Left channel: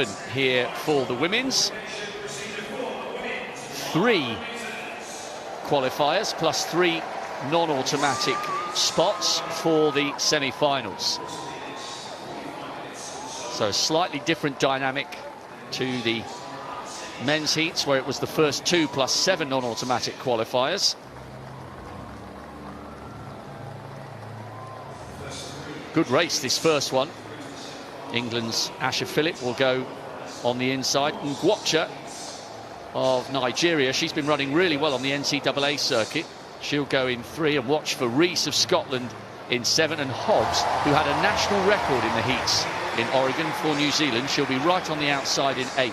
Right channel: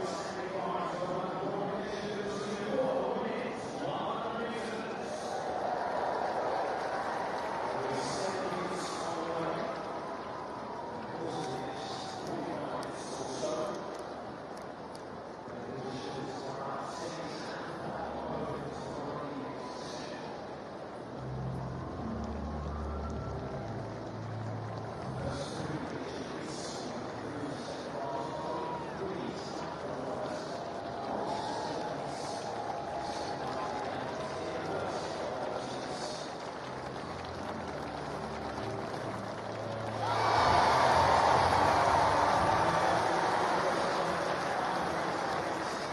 11 here for the women's. 3 qualifiers plus 3 non-automatic spots for the semi-finals. So a slightly different dynamic to the men's heats, where it was the first 2 plus 7 non-automatic qualifiers. Good race, this first one. England's Asha Phillip will go on the inside. Ngwatcha of Nigeria, she's been running really well on the NCAA circuit. She'll go in 3, and watch for Rees of Scotland in 7, and Hobbs, who had a national record in the heats in Oregon for New Zealand. She'll be right on the outside in 8.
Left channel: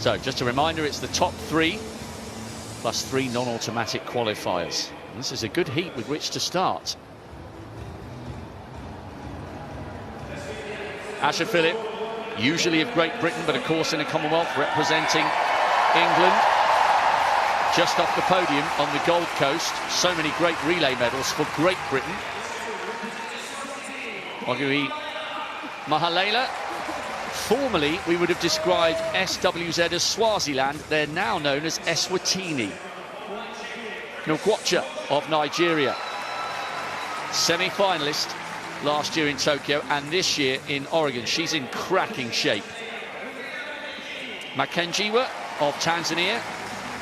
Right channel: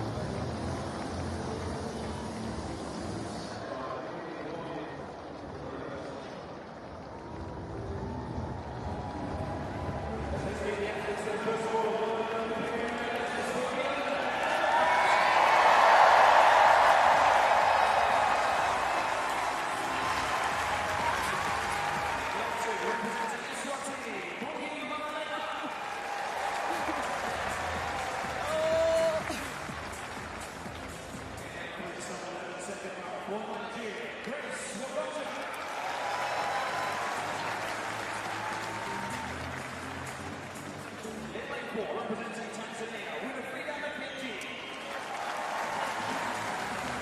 So just a reminder, it's the top 3 plus 3 non-automatic qualifiers. This is a good heat with which to start. Asha Phillip, usually of Great Britain, but of course in a Commonwealth representing England. Just off the podium on the Gold Coast. So many great relay medals for Great Britain. Ogui Mahalela. Formerly, we would have described SWZ as Swaziland. They're now known as Eswatini. Ngwatcha of Nigeria, semi-finalist last year in Tokyo and this year in Oregon. She's in cracking shape. Makenjiwa of Tanzania,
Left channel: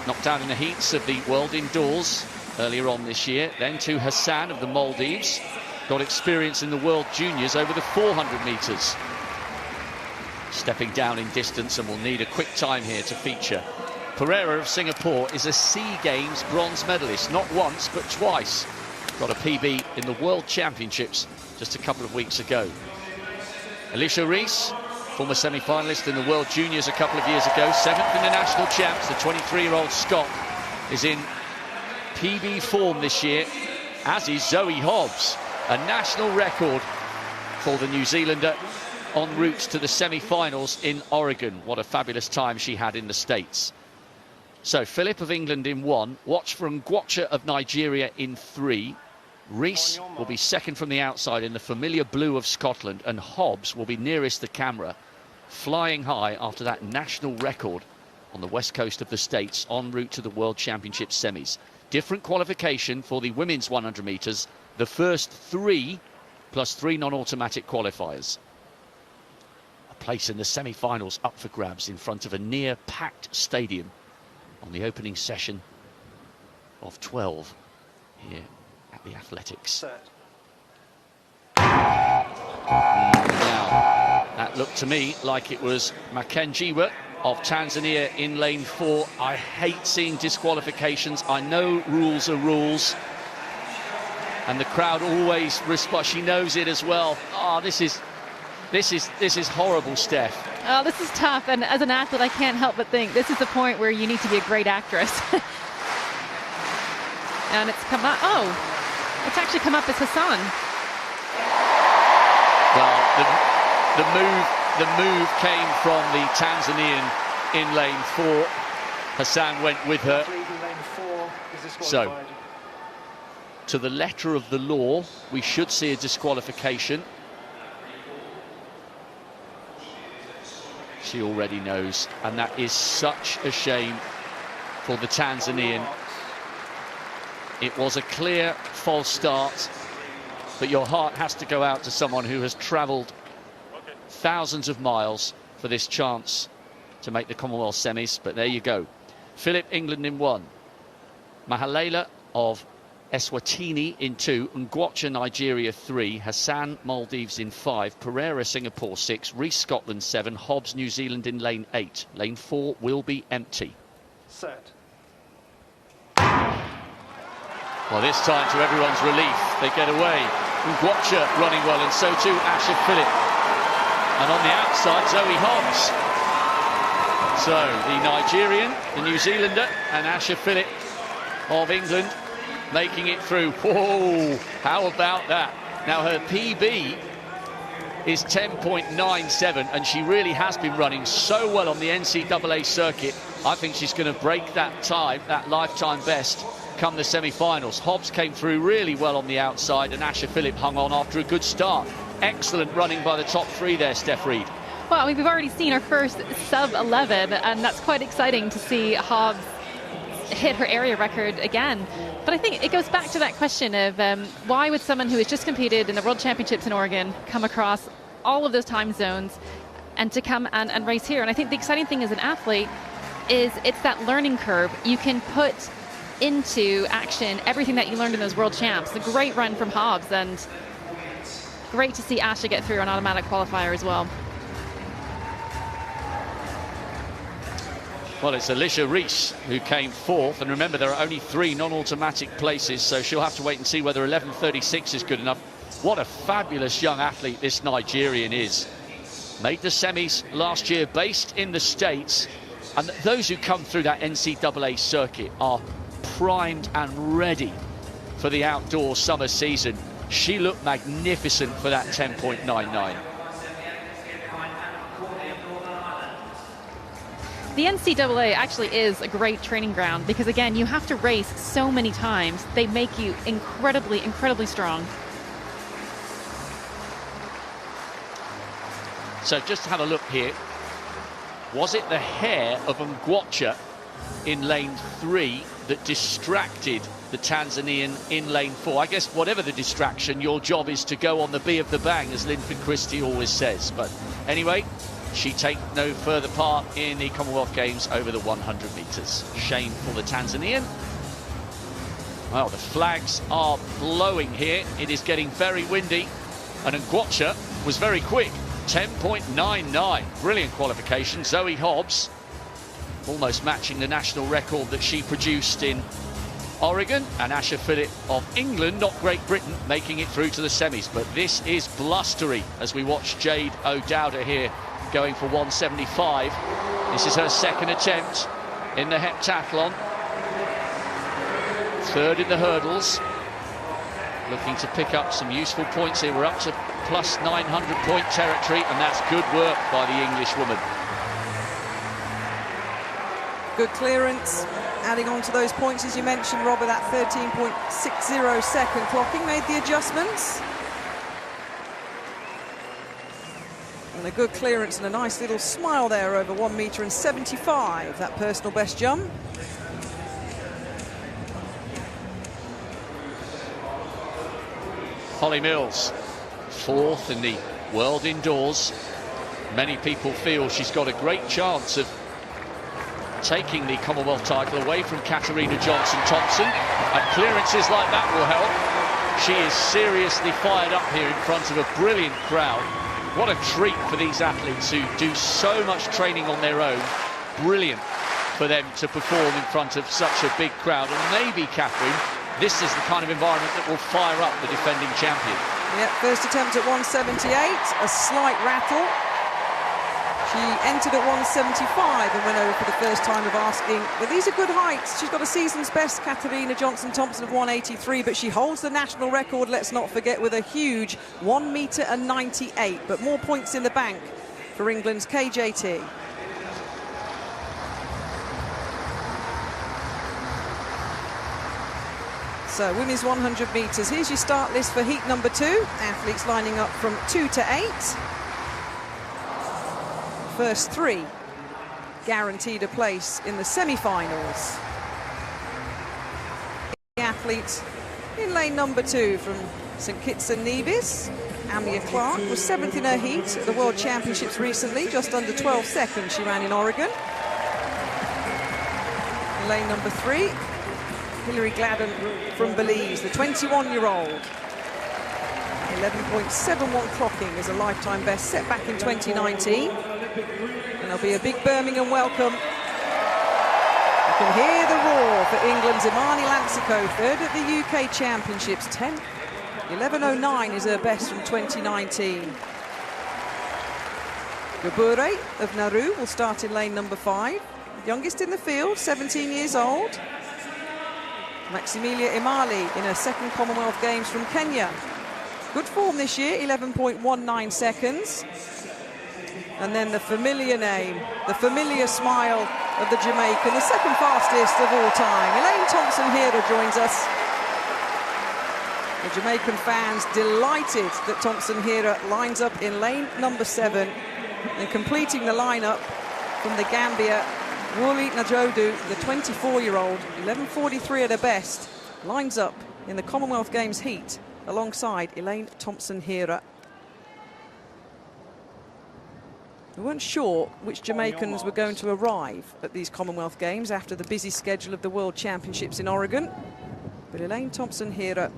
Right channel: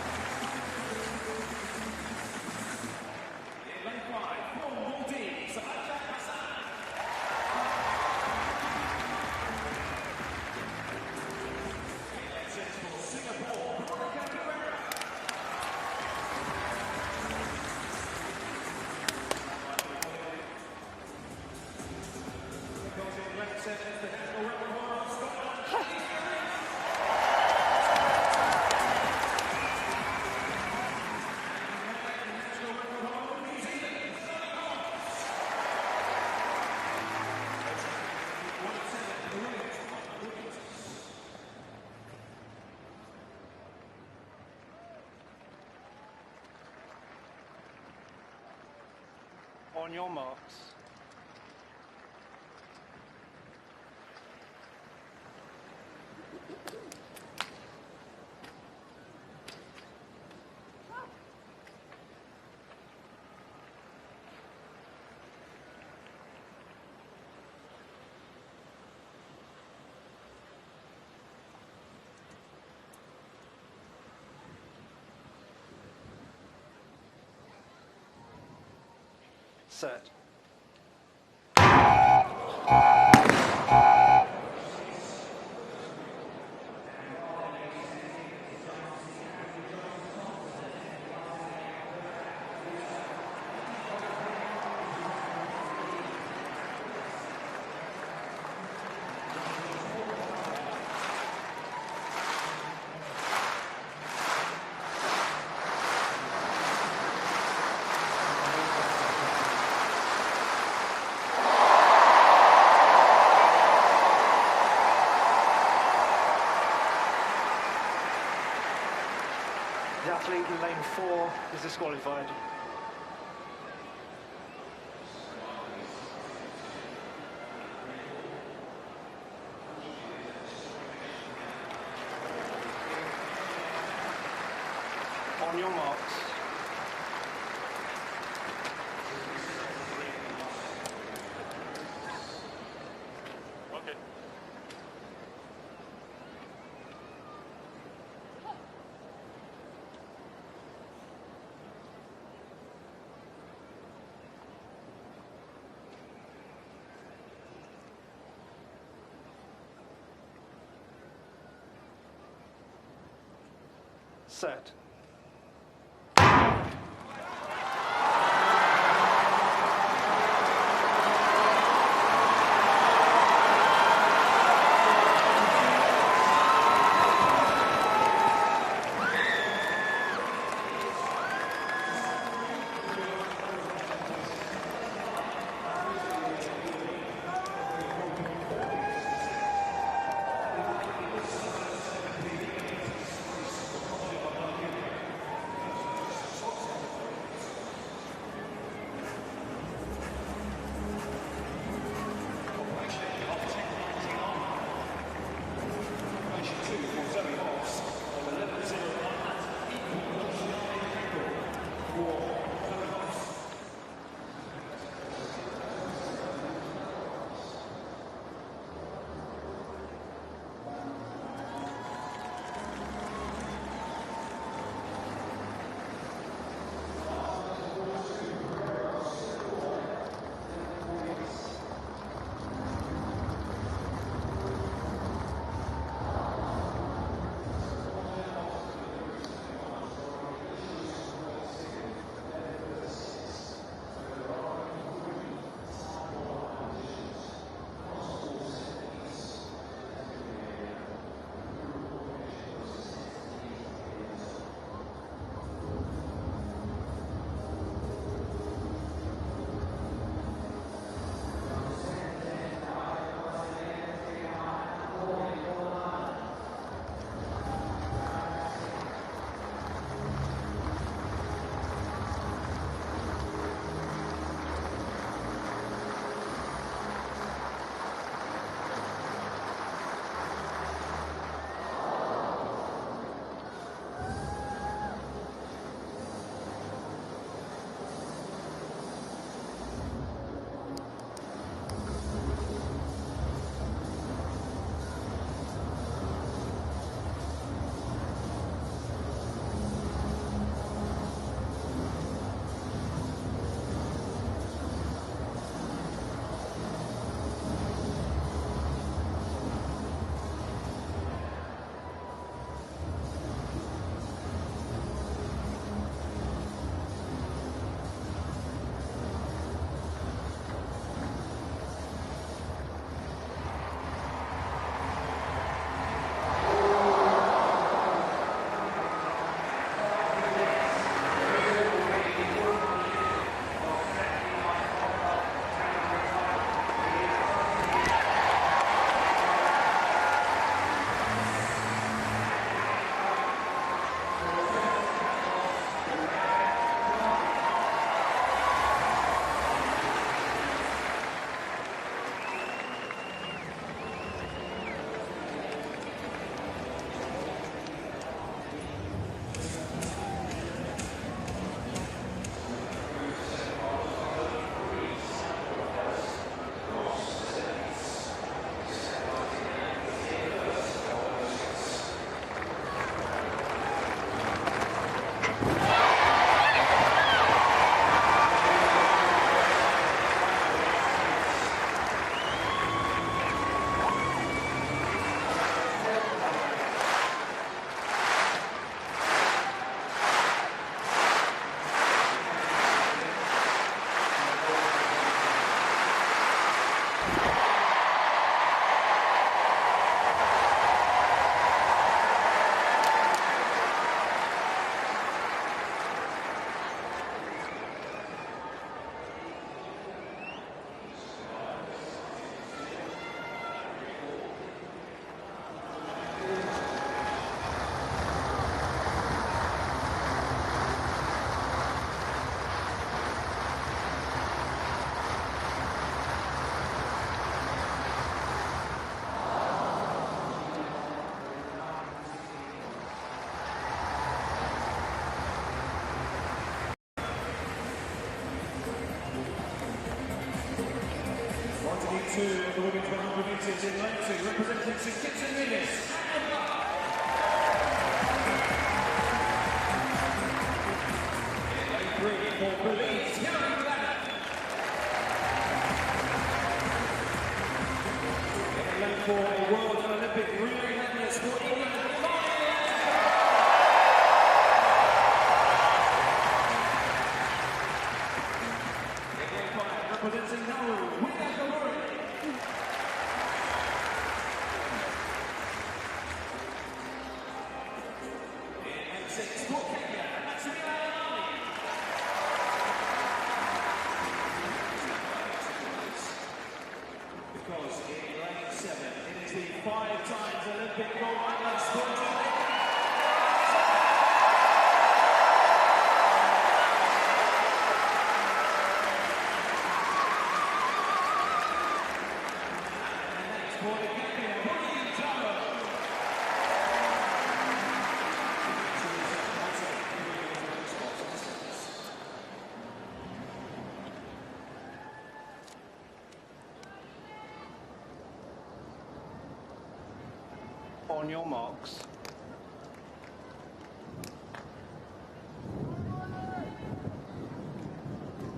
knocked out in the heats of the World Indoors earlier on this year. Then to Hassan of the Maldives, got experience in the World Juniors over the 400 metres. Stepping down in distance and will need a quick time here to feature. Pereira of Singapore is a SEA Games bronze medalist, not once but twice. Got a PB in the World Championships just a couple of weeks ago. Alicia Rees, former semi-finalist in the World Juniors a couple of years ago, 7th in the national champs. The 23-year-old Scot is in PB form this year, as is Zoe Hobbs, a national record for the New Zealander en route to the semi-finals in Oregon. What a fabulous time she had in the States. So Phillip of England in 1, watch for Ngwatcha of Nigeria in 3. Rees will be second from the outside in the familiar blue of Scotland, and Hobbs will be nearest the camera, flying high after that national record on the west coast of the States en route to the World Championship semis. Different qualification for the women's 100 metres, the first 3 plus 3 non-automatic qualifiers. A place in the semi-finals up for grabs in front of a near-packed stadium on the opening session of 12 here at the Athletics. Set. That looked to me like it was Makenjiwa of Tanzania in lane 4. I hate seeing disqualifications. I know rules are rules, and the crowd always responds. She knows it as well. Oh, this is horrible, Steph. Oh, this is tough, and as an athlete, I can't help but think this is the point where you need to be a great actress. And it's come up. Oh, it's actually come up as Hassan. Well, the move came from the Tanzanian in lane 4. Hassan went with her. Lane 4 is disqualified. So, to the letter of the law, we should see a disqualification. She already knows, and that is such a shame for the Tanzanian. It was a clear false start, but your heart has to go out to someone who has travelled thousands of miles for this chance to make the Commonwealth semis. But there you go. Phillip, England in 1. Mahalela of Eswatini in 2, Ngwatcha Nigeria 3, Hassan Maldives in 5, Pereira Singapore 6, Rees Scotland 7, Hobbs New Zealand in lane 8. Lane 4 will be empty. Set. Well, this time, to everyone's relief, they get away. Ngwatcha running well, and so too Asha Phillip. And on the outside, Zoe Hobbs. So the Nigerian, the New Zealander, and Asha Phillip of England making it through. Whoa, how about that? Now her PB is 10.97, and she really has been running so well on the NCAA circuit. I think she's going to break that time, that lifetime best, come the semi-finals. Hobbs came through really well on the outside, and Asher Phillip hung on after a good start. Excellent running by the top three there, Steph Reed. Well, we've already seen our first sub-11, and that's quite exciting to see Hobbs hit her area record again. But I think it goes back to that question of why would someone who has just competed in the World Championships in Oregon come across all of those time zones and to come and race here? And I think the exciting thing as an athlete is it's that learning curve. You can put into action everything that you learned in those World Champs. A great run from Hobbs, and great to see Asha get through an automatic qualifier as well. Well, it's Alicia Reese who came fourth, and remember there are only 3 non-automatic places, so she'll have to wait and see whether 11:36 is good enough. What a fabulous young athlete this Nigerian is. Made the semis last year, based in the States, and those who come through that NCAA circuit are primed and ready for the outdoor summer season. She looked magnificent for that 10.99. The NCAA actually is a great training ground because, again, you have to race so many times. They make you incredibly, incredibly strong. So just have a look here. Was it the hair of Ngwacha in lane 3 that distracted the Tanzanian in lane 4? I guess whatever the distraction, your job is to go on the B of the bang, as Linford Christie always says. But anyway, she takes no further part in the Commonwealth Games over the 100 metres. Shame for the Tanzanian. Well, the flags are blowing here. It is getting very windy, and Ngwacha was very quick. 10.99, brilliant qualification. Zoe Hobbs almost matching the national record that she produced in Oregon, and Asher Phillip of England, not Great Britain, making it through to the semis. But this is blustery as we watch Jade O'Dowda here going for 175. This is her second attempt in the heptathlon. Third in the hurdles. Looking to pick up some useful points here. We're up to plus 900 point territory, and that's good work by the English woman. Good clearance, adding on to those points as you mentioned, Robert. That 13.60 second clocking made the adjustments. And a good clearance and a nice little smile there over 1.75 meters, that personal best jump. Holly Mills, fourth in the world indoors. Many people feel she's got a great chance of taking the Commonwealth title away from Katarina Johnson-Thompson. And clearances like that will help. She is seriously fired up here in front of a brilliant crowd. What a treat for these athletes who do so much training on their own. Brilliant for them to perform in front of such a big crowd. And maybe, Catherine, this is the kind of environment that will fire up the defending champion. Yeah, first attempt at 178, a slight rattle. She entered at 175 and went over for the first time of asking, well, these are good heights. She's got a season's best, Katarina Johnson-Thompson, of 183, but she holds the national record, let's not forget, with a huge 1.98 meters. But more points in the bank for England's KJT. So, women's 100 metres. Here's your start list for heat number 2. Athletes lining up from 2 to 8. First 3 guaranteed a place in the semi-finals. The athlete in lane number 2 from St Kitts and Nevis, Amia Clark, was 7th in her heat at the World Championships recently, just under 12 seconds she ran in Oregon. Lane number 3, Hilary Gladden from Belize, the 21-year-old. 11.71 clocking is a lifetime best set back in 2019. There'll be a big Birmingham welcome. You can hear the roar for England's Imani Lapsico, third at the UK Championships. 11.09 is her best from 2019. Gabure of Nauru will start in lane number 5. Youngest in the field, 17 years old. Maximilia Imali in her second Commonwealth Games from Kenya. Good form this year, 11.19 seconds. And then the familiar name, the familiar smile of the Jamaican, the second fastest of all time. Elaine Thompson-Herah joins us. The Jamaican fans delighted that Thompson-Herah lines up in lane number 7 and completing the lineup from the Gambia, Wuli Najodu, the 24-year-old, 11:43 at her best, lines up in the Commonwealth Games heat alongside Elaine Thompson-Herah. We weren't sure which Jamaicans were going to arrive at these Commonwealth Games after the busy schedule of the World Championships in Oregon. But Elaine Thompson-Herah,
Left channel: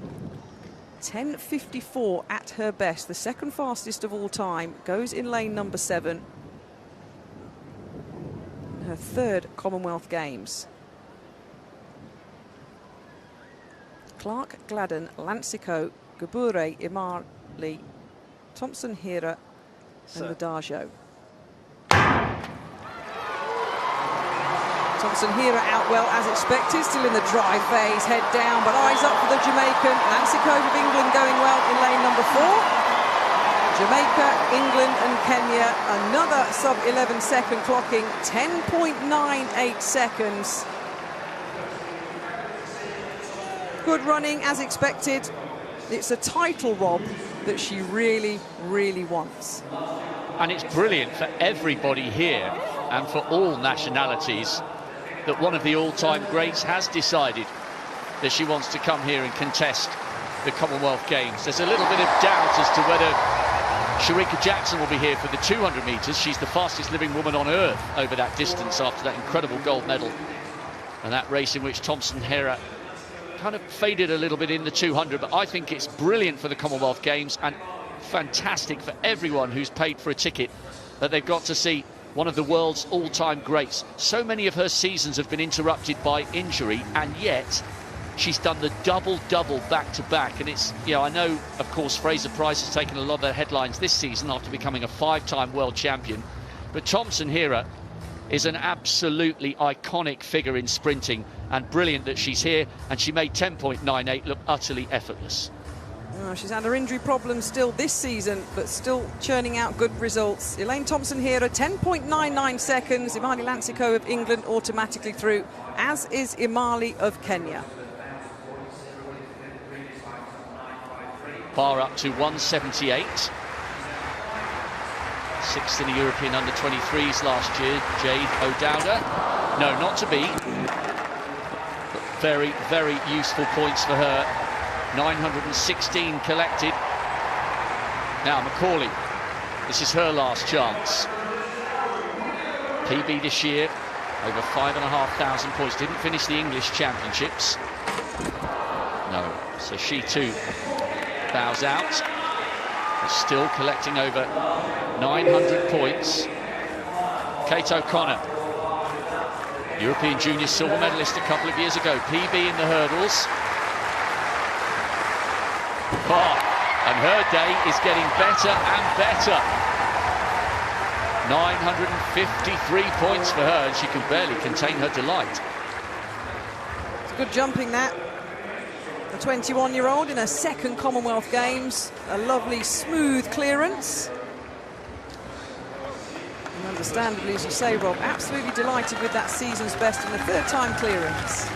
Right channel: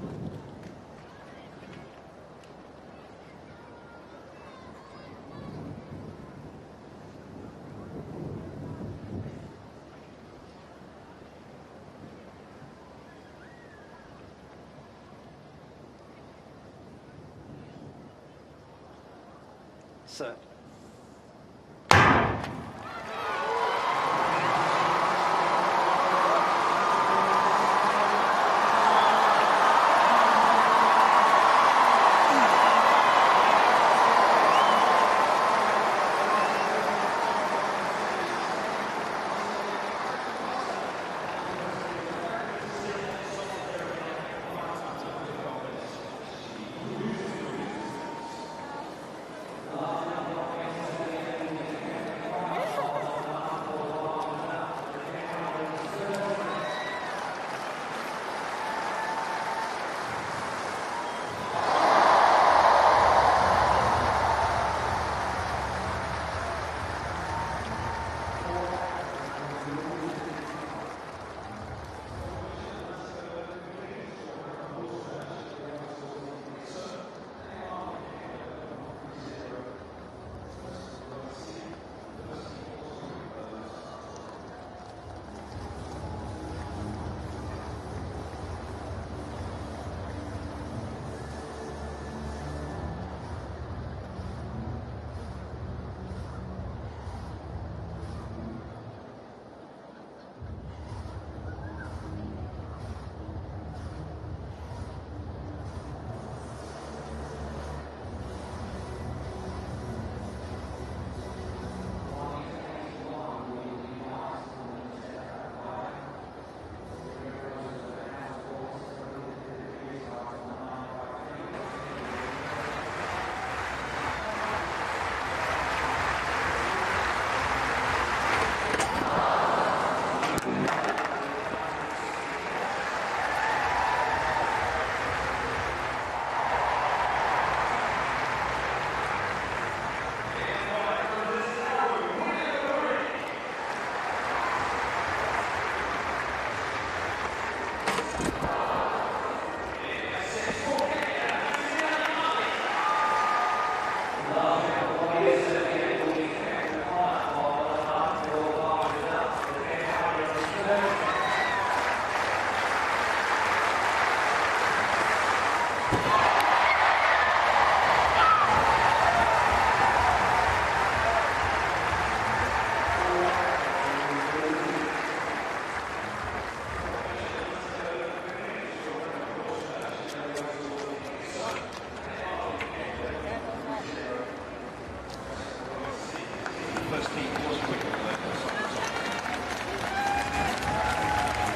10:54 at her best, the second fastest of all time, goes in lane number 7. Her third Commonwealth Games. Clark, Gladden, Lancico, Gabure, Imali, Thompson-Herah, and Adajo. Thompson-Herah out well as expected, still in the drive phase, head down, but eyes up for the Jamaican. Lancico of England going well in lane number 4. Jamaica, England and Kenya, another sub-11 second clocking, 10.98 seconds. Good running as expected. It's a title, Rob, that she really, really wants. And it's brilliant for everybody here and for all nationalities that one of the all-time greats has decided that she wants to come here and contest the Commonwealth Games. There's a little bit of doubt as to whether Shericka Jackson will be here for the 200 metres. She's the fastest living woman on earth over that distance after that incredible gold medal. And that race in which Thompson-Herah kind of faded a little bit in the 200, but I think it's brilliant for the Commonwealth Games and fantastic for everyone who's paid for a ticket that they've got to see one of the world's all-time greats. So many of her seasons have been interrupted by injury, and yet she's done the double-double back-to-back. And it's, you know, I know, of course, Fraser-Price has taken a lot of the headlines this season after becoming a 5-time world champion. But Thompson-Herah is an absolutely iconic figure in sprinting, and brilliant that she's here, and she made 10.98 look utterly effortless. Well, she's had her injury problems still this season, but still churning out good results. Elaine Thompson-Herah, 10.99 seconds. Imali Lancico of England automatically through, as is Imali of Kenya. Bar up to 178. Sixth in the European under-23s last year, Jade O'Dowda. No, not to be. Very, very useful points for her. 916 collected. Now Macaulay, this is her last chance. PB this year, over 5,500 points. Didn't finish the English Championships. No, so she too bows out. Still collecting over 900 points. Kate O'Connor, European Junior silver medalist a couple of years ago. PB in the hurdles. And her day is getting better and better. 953 points for her, and she can barely contain her delight. Good jumping that. The 21-year-old in her second Commonwealth Games. A lovely, smooth clearance. And understandably, as you say, Rob, absolutely delighted with that season's best in the third-time clearance.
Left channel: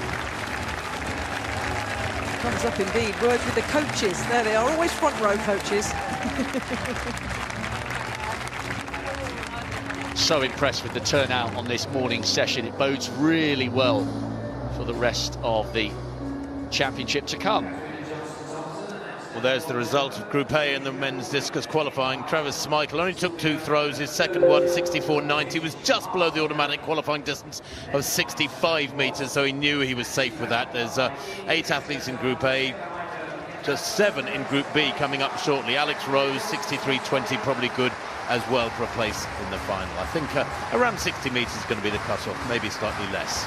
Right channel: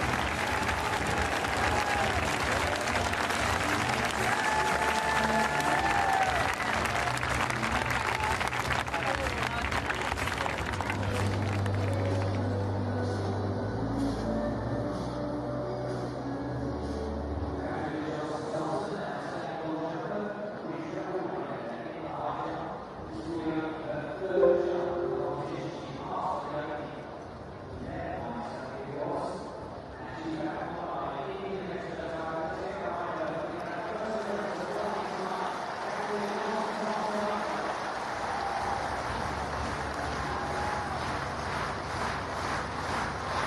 Up indeed, word with the coaches. There they are, always front row coaches. So impressed with the turnout on this morning's session. It bodes really well for the rest of the championship to come. Well, there's the result of Group A in the men's discus qualifying. Travis Smykel only took 2 throws. His second one, 64.90, was just below the automatic qualifying distance of 65 metres, so he knew he was safe with that. There's 8 athletes in Group A, just 7 in Group B coming up shortly. Alex Rose, 63.20, probably good as well for a place in the final. I think around 60 metres is going to be the cut-off, maybe slightly less.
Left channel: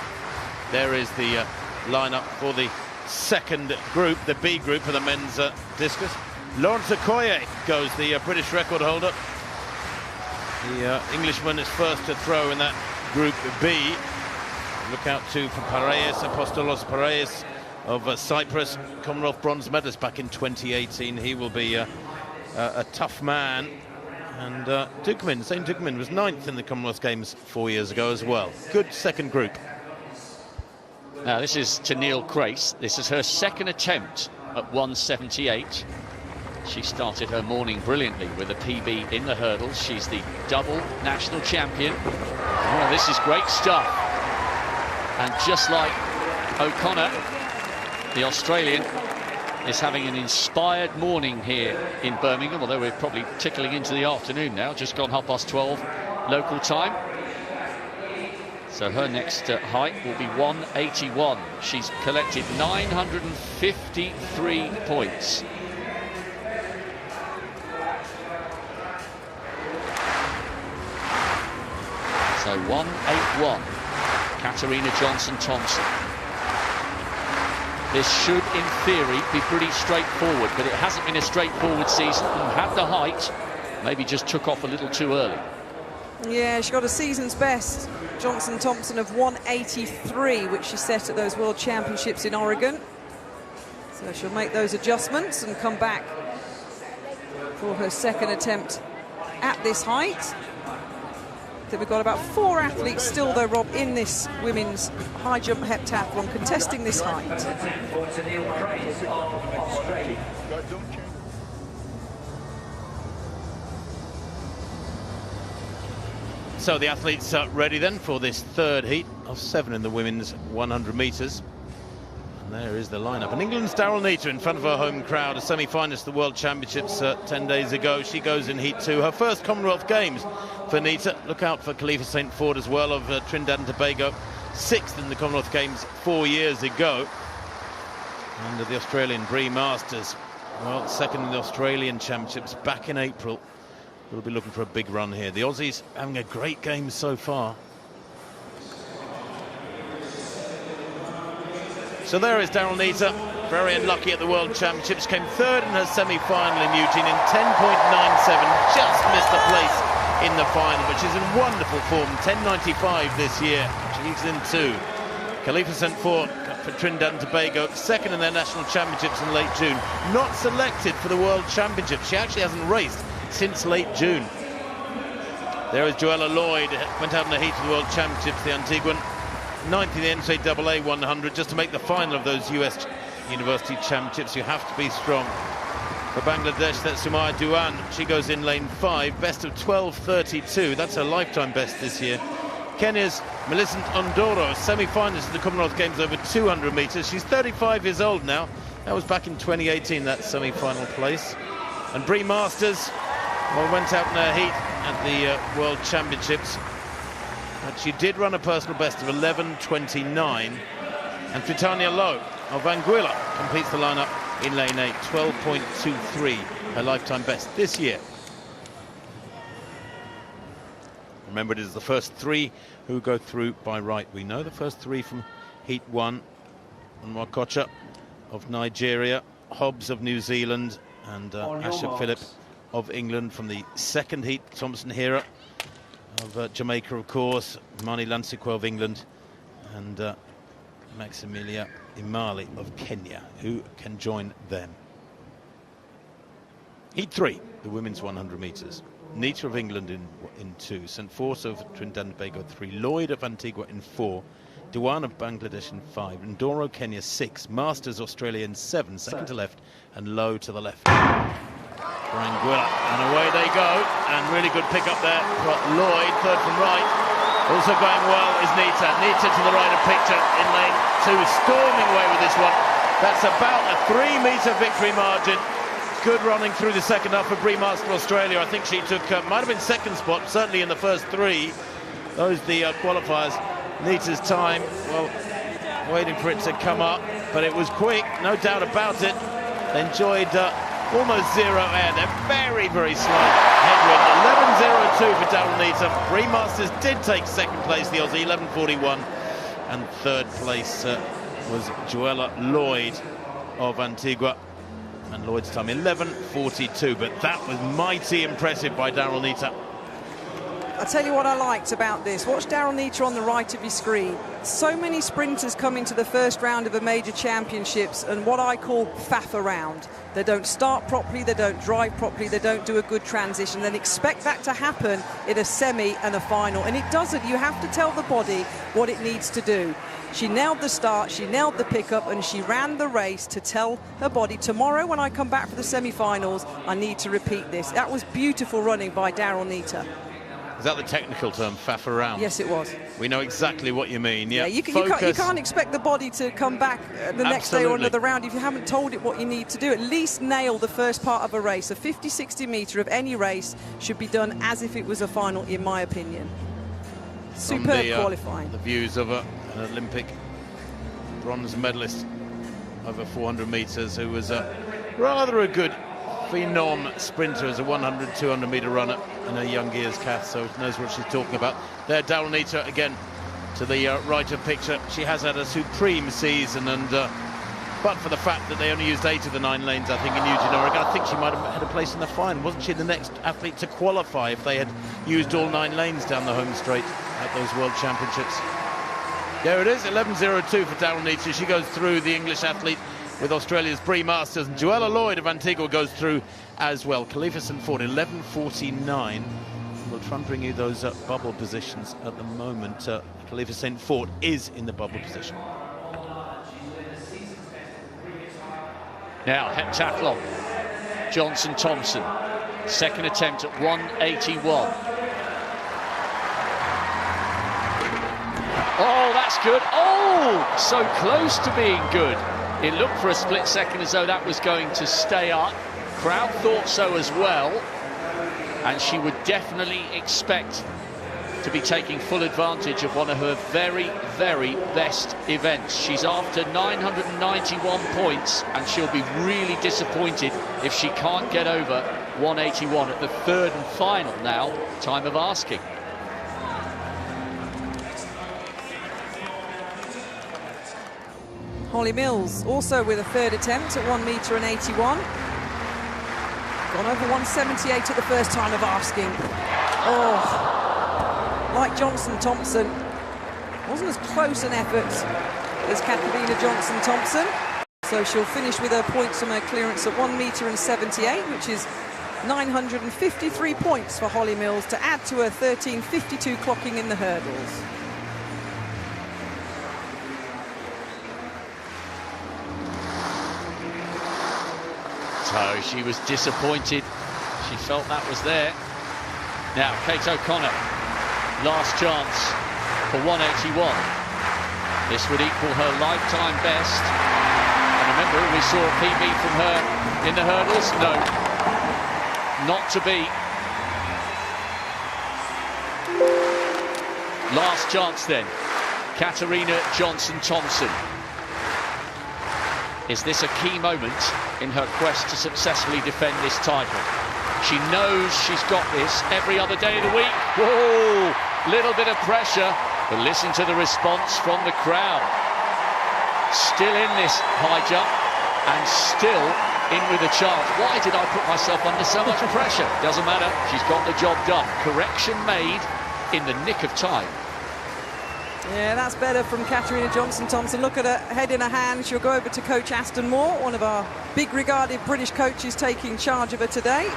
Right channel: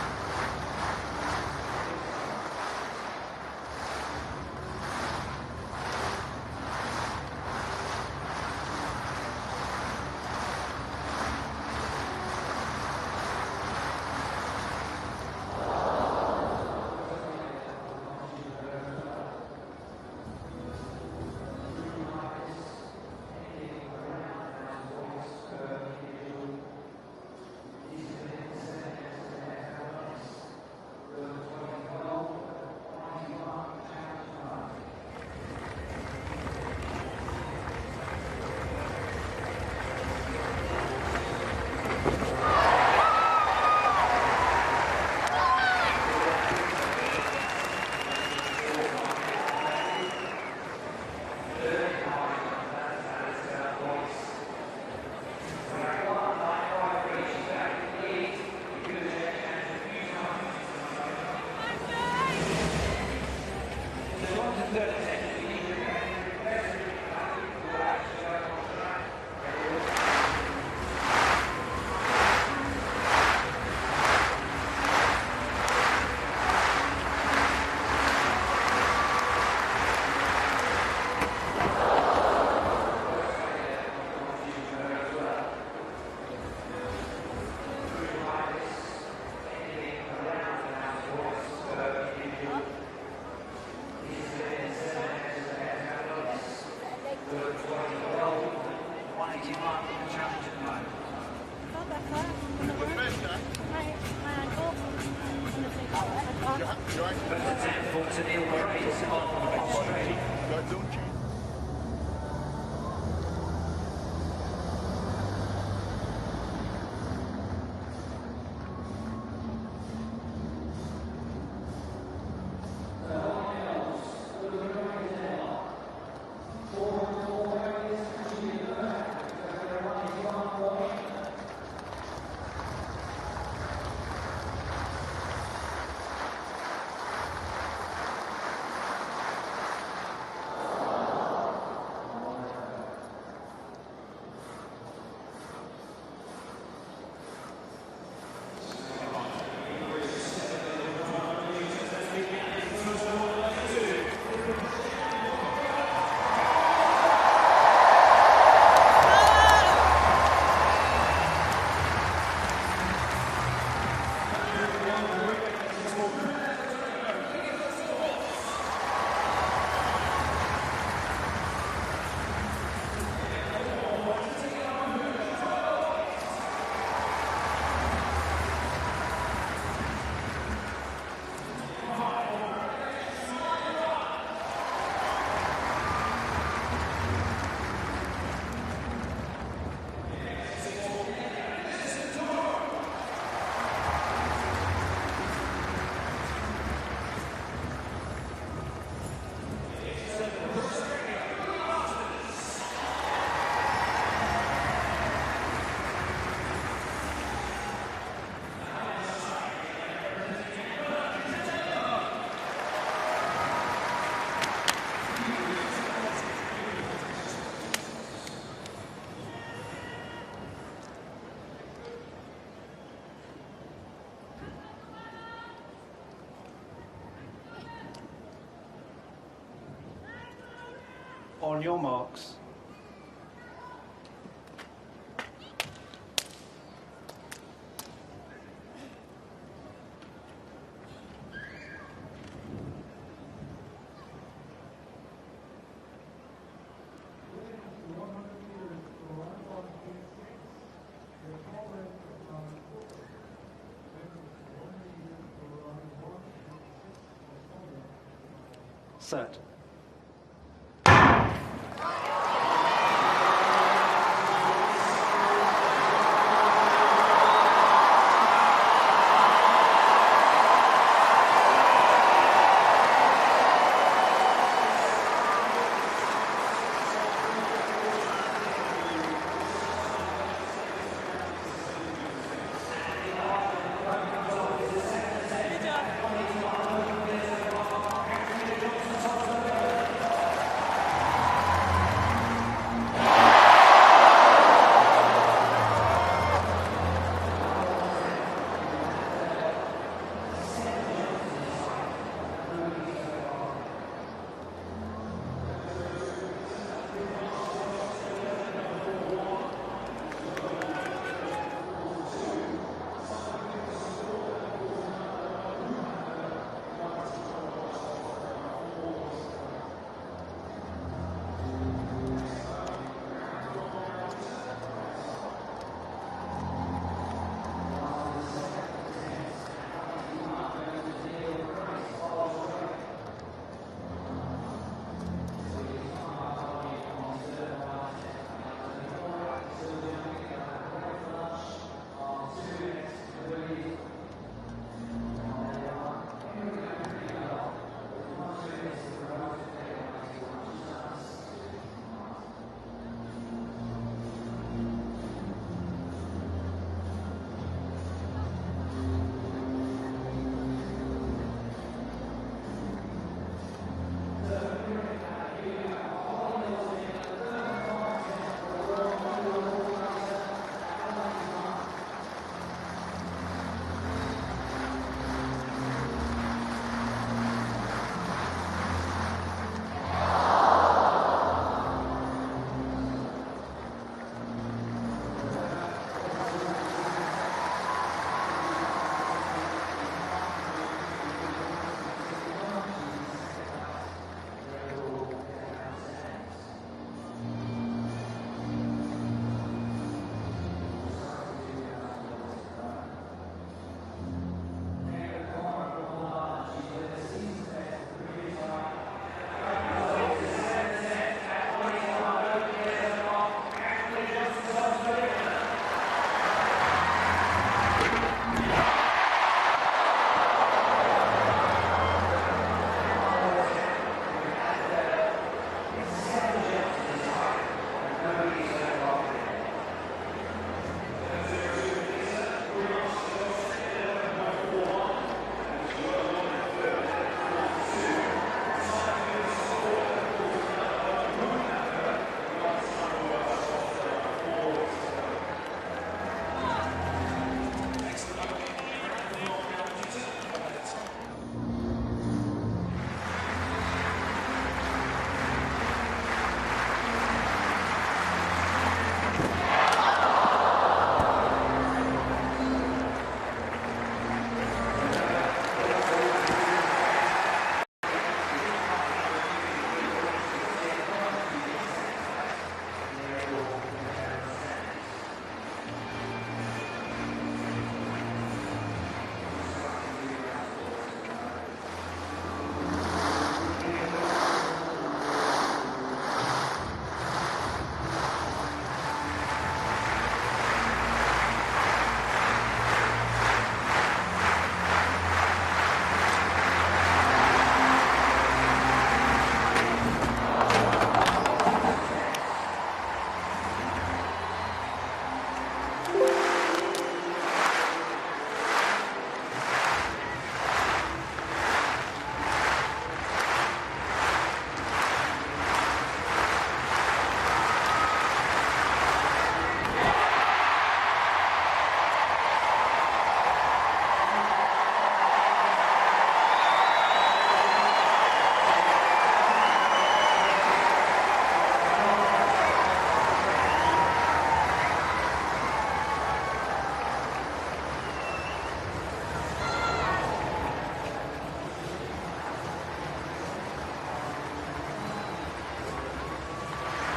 There is the lineup for the second group, the B group for the men's discus. Lawrence Okoye goes, the British record holder. The Englishman is first to throw in that Group B. Look out to Pareis, Apostolos Pareis of Cyprus, Commonwealth bronze medalist back in 2018. He will be a tough man And St. Dukeman was 9th in the Commonwealth Games 4 years ago as well. Good second group. Now this is Tennille Crace. This is her second attempt at 178. She started her morning brilliantly with a PB in the hurdles. She's the double national champion. Oh, this is great stuff. And just like O'Connor, the Australian, is having an inspired morning here in Birmingham, although we're probably tickling into the afternoon now, just gone 12:30 local time. So her next height will be 181. She's collected 953 points. So 181, Katarina Johnson-Thompson. This should, in theory, be pretty straightforward, but it hasn't been a straightforward season. Had the height, maybe just took off a little too early. Yeah, she got a season's best, Johnson-Thompson, of 183, which she set at those World Championships in Oregon. So she'll make those adjustments and come back for her second attempt at this height. So we've got about 4 athletes still, though, Rob, in this women's high jump heptathlon contesting this height. So the athletes are ready then for this third heat of 7 in the women's 100 metres. And there is the lineup. And England's Daryl Neita in front of her home crowd, a semi-finalist of the World Championships 10 days ago. She goes in heat 2, her first Commonwealth Games for Neita. Look out for Khalifa St. Ford as well, of Trinidad and Tobago, 6th in the Commonwealth Games 4 years ago. And the Australian Bree Masters, well, 2nd in the Australian Championships back in April. We'll be looking for a big run here. The Aussies having a great game so far. So there is Daryl Neita, very unlucky at the World Championships. Came 3rd in her semi-final in Eugene in 10.97. Just missed a place in the final, which is in wonderful form. 10.95 this year, which leads them to Khalifa St. Ford for Trinidad and Tobago, 2nd in their national championships in late June. Not selected for the World Championships. She actually hasn't raced since late June. There is Joella Lloyd, went out in the heat for the World Championships, the Antiguan. 9th in the NCAA 100. Just to make the final of those US University Championships, you have to be strong. For Bangladesh, that's Sumaya Duan. She goes in lane 5, best of 12.32. That's her lifetime best this year. Kenya's Millicent Ondoro, semi-finalist in the Commonwealth Games over 200 metres. She's 35 years old now. That was back in 2018, that semi-final place. And Bree Masters, well, went out in her heat at the World Championships. And she did run a personal best of 11.29. And Titania Lowe of Anguilla completes the lineup in lane 8, 12.23, her lifetime best this year. Remember, it is the first 3 who go through by right. We know the first 3 from heat 1. Nwakocha of Nigeria, Hobbs of New Zealand, and Asher Phillips of England from the 2nd heat. Thompson Hera of Jamaica, of course, Mani Lansikwe of England, and Maximilia Imali of Kenya, who can join them. Heat 3, the women's 100 metres. Neita of England in 2, St. Force of Trinidad and Tobago 3, Lloyd of Antigua in 4, Dewan of Bangladesh in 5, Ndoro Kenya 6, Masters Australia in 7, second to left, and Low to the left. And away they go, and really good pick up there. Got Lloyd, 3rd from right. Also going well is Neita. Neita to the right of picture in lane 2, storming away with this one. That's about a 3-metre victory margin. Good running through the second half for Bree Masters of Australia. I think she took, might have been 2nd spot, certainly in the first 3. Those the qualifiers. Neita's time, well, waiting for it to come up, but it was quick, no doubt about it. Enjoyed almost 0 air. They're very, very slow. 11.02 for Daryl Neita. Bree Masters did take 2nd place, the Aussie, 11.41. And 3rd place was Joella Lloyd of Antigua. And Lloyd's time 11.42, but that was mighty impressive by Daryl Neita. I'll tell you what I liked about this. Watch Daryl Neita on the right of your screen. So many sprinters come into the first round of a major championships and what I call faff around. They don't start properly, they don't drive properly, they don't do a good transition. Then expect that to happen in a semi and a final. And it doesn't. You have to tell the body what it needs to do. She nailed the start, she nailed the pickup, and she ran the race to tell her body, tomorrow when I come back for the semi-finals, I need to repeat this. That was beautiful running by Daryl Nita. Is that the technical term, faff around? Yes, it was. We know exactly what you mean. Yeah, you can't expect the body to come back the next day or another round if you haven't told it what you need to do. At least nail the first part of a race. A 50-60 metre of any race should be done as if it was a final, in my opinion. Superb qualifying. The views of an Olympic bronze medalist over 400 metres, who was rather a good phenom sprinter as a 100, 200 metre runner in her young years, Kath, so knows what she's talking about. There, Daryl Nita again to the right of picture. She has had a supreme season, and but for the fact that they only used 8 of the 9 lanes, I think, in Eugene, Oregon, I think she might have had a place in the final. Wasn't she the next athlete to qualify if they had used all 9 lanes down the home straight at those World Championships? There it is, 11.02 for Daryl Nita. She goes through, the English athlete, with Australia's Bree Masters, and Joella Lloyd of Antigua goes through as well. Khalifa St. Ford, 11.49. We'll try and bring you those bubble positions at the moment. Khalifa St. Ford is in the bubble position. Now, heptathlon. Johnson-Thompson, second attempt at 181. Oh, that's good. Oh, so close to being good. It looked for a split second as though that was going to stay up. Crowd thought so as well. And she would definitely expect to be taking full advantage of one of her very, very best events. She's after 991 points, and she'll be really disappointed if she can't get over 181 at the third and final now, time of asking. Holly Mills also with a third attempt at 1 metre and 81. Gone over 178 at the first time of asking. Oh, like Johnson-Thompson, wasn't as close an effort as Katarina Johnson-Thompson. So she'll finish with her points on her clearance at 1 metre and 78, which is 953 points for Holly Mills to add to her 13.52 clocking in the hurdles. She was disappointed. She felt that was there. Now, Kate O'Connor, last chance for 181. This would equal her lifetime best. Remember, we saw a PB from her in the hurdles? No, not to be. Last chance then. Katarina Johnson-Thompson. Is this a key moment in her quest to successfully defend this title? She knows she's got this every other day of the week. Whoa, little bit of pressure, but listen to the response from the crowd. Still in this high jump, and still in with a chance. Why did I put myself under so much pressure? Doesn't matter, she's got the job done. Correction made in the nick of time. Yeah, that's better from Katarina Johnson-Thompson. Look at her head in her hand. She'll go over to Coach Aston Moore, one of our big-regarded British coaches taking charge of her today.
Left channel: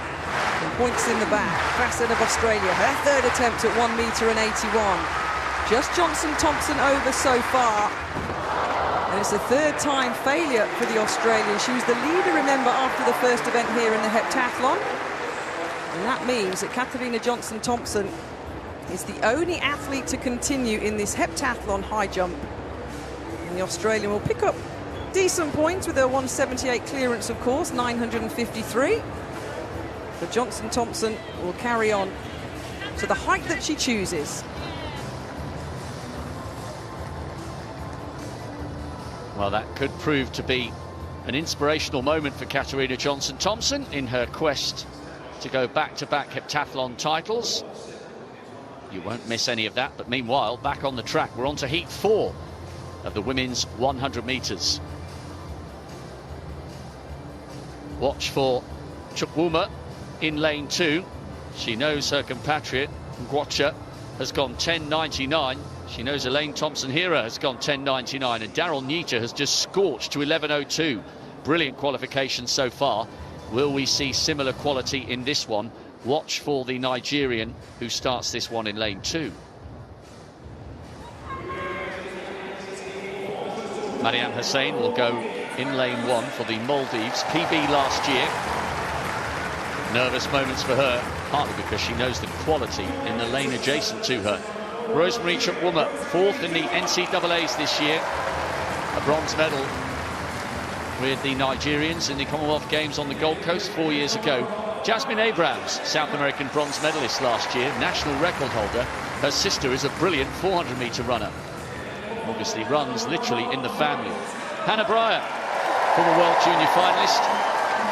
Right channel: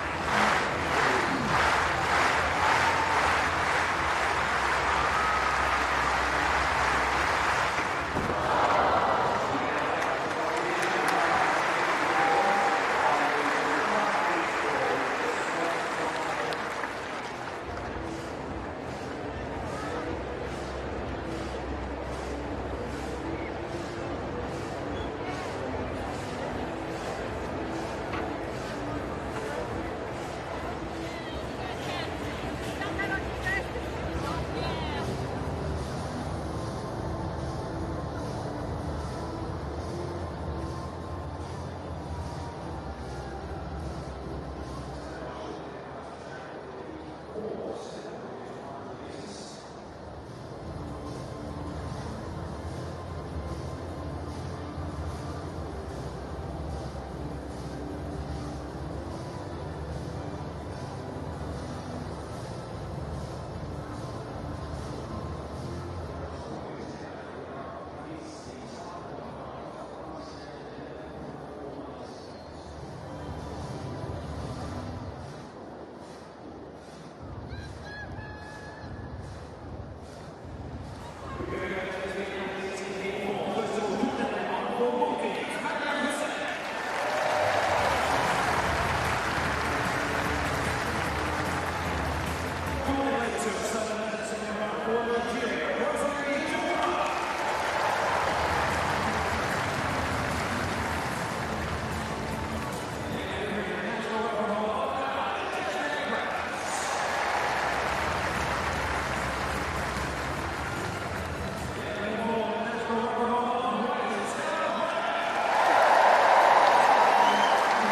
Points in the back. Braxton of Australia. Their third attempt at 1 metre and 81. Just Johnson-Thompson over so far. And it's a third-time failure for the Australians. She was the leader, remember, after the first event here in the heptathlon. And that means that Katarina Johnson-Thompson is the only athlete to continue in this heptathlon high jump. And the Australian will pick up decent points with her 178 clearance, of course, 953. But Johnson-Thompson will carry on to the height that she chooses. Well, that could prove to be an inspirational moment for Katarina Johnson-Thompson in her quest to go back-to-back heptathlon titles. You won't miss any of that, but meanwhile, back on the track, we're on to heat 4 of the women's 100 metres. Watch for Chukwuma in lane 2. She knows her compatriot, Ngwacha, has gone 10.99. She knows Elaine Thompson-Hera has gone 10.99, and Daryl Nita has just scorched to 11.02. brilliant qualification so far. Will we see similar quality in this one? Watch for the Nigerian who starts this one in lane 2. Mariam Hussein will go in lane 1 for the Maldives. PB last year. Nervous moments for her, partly because she knows the quality in the lane adjacent to her. Rosemary Chukwuma, 4th in the NCAAs this year. A bronze medal with the Nigerians in the Commonwealth Games on the Gold Coast 4 years ago. Jasmine Abrams, South American bronze medalist last year, national record holder. Her sister is a brilliant 400-metre runner. Obviously runs literally in the family. Hannah Bryant, former World Junior finalist,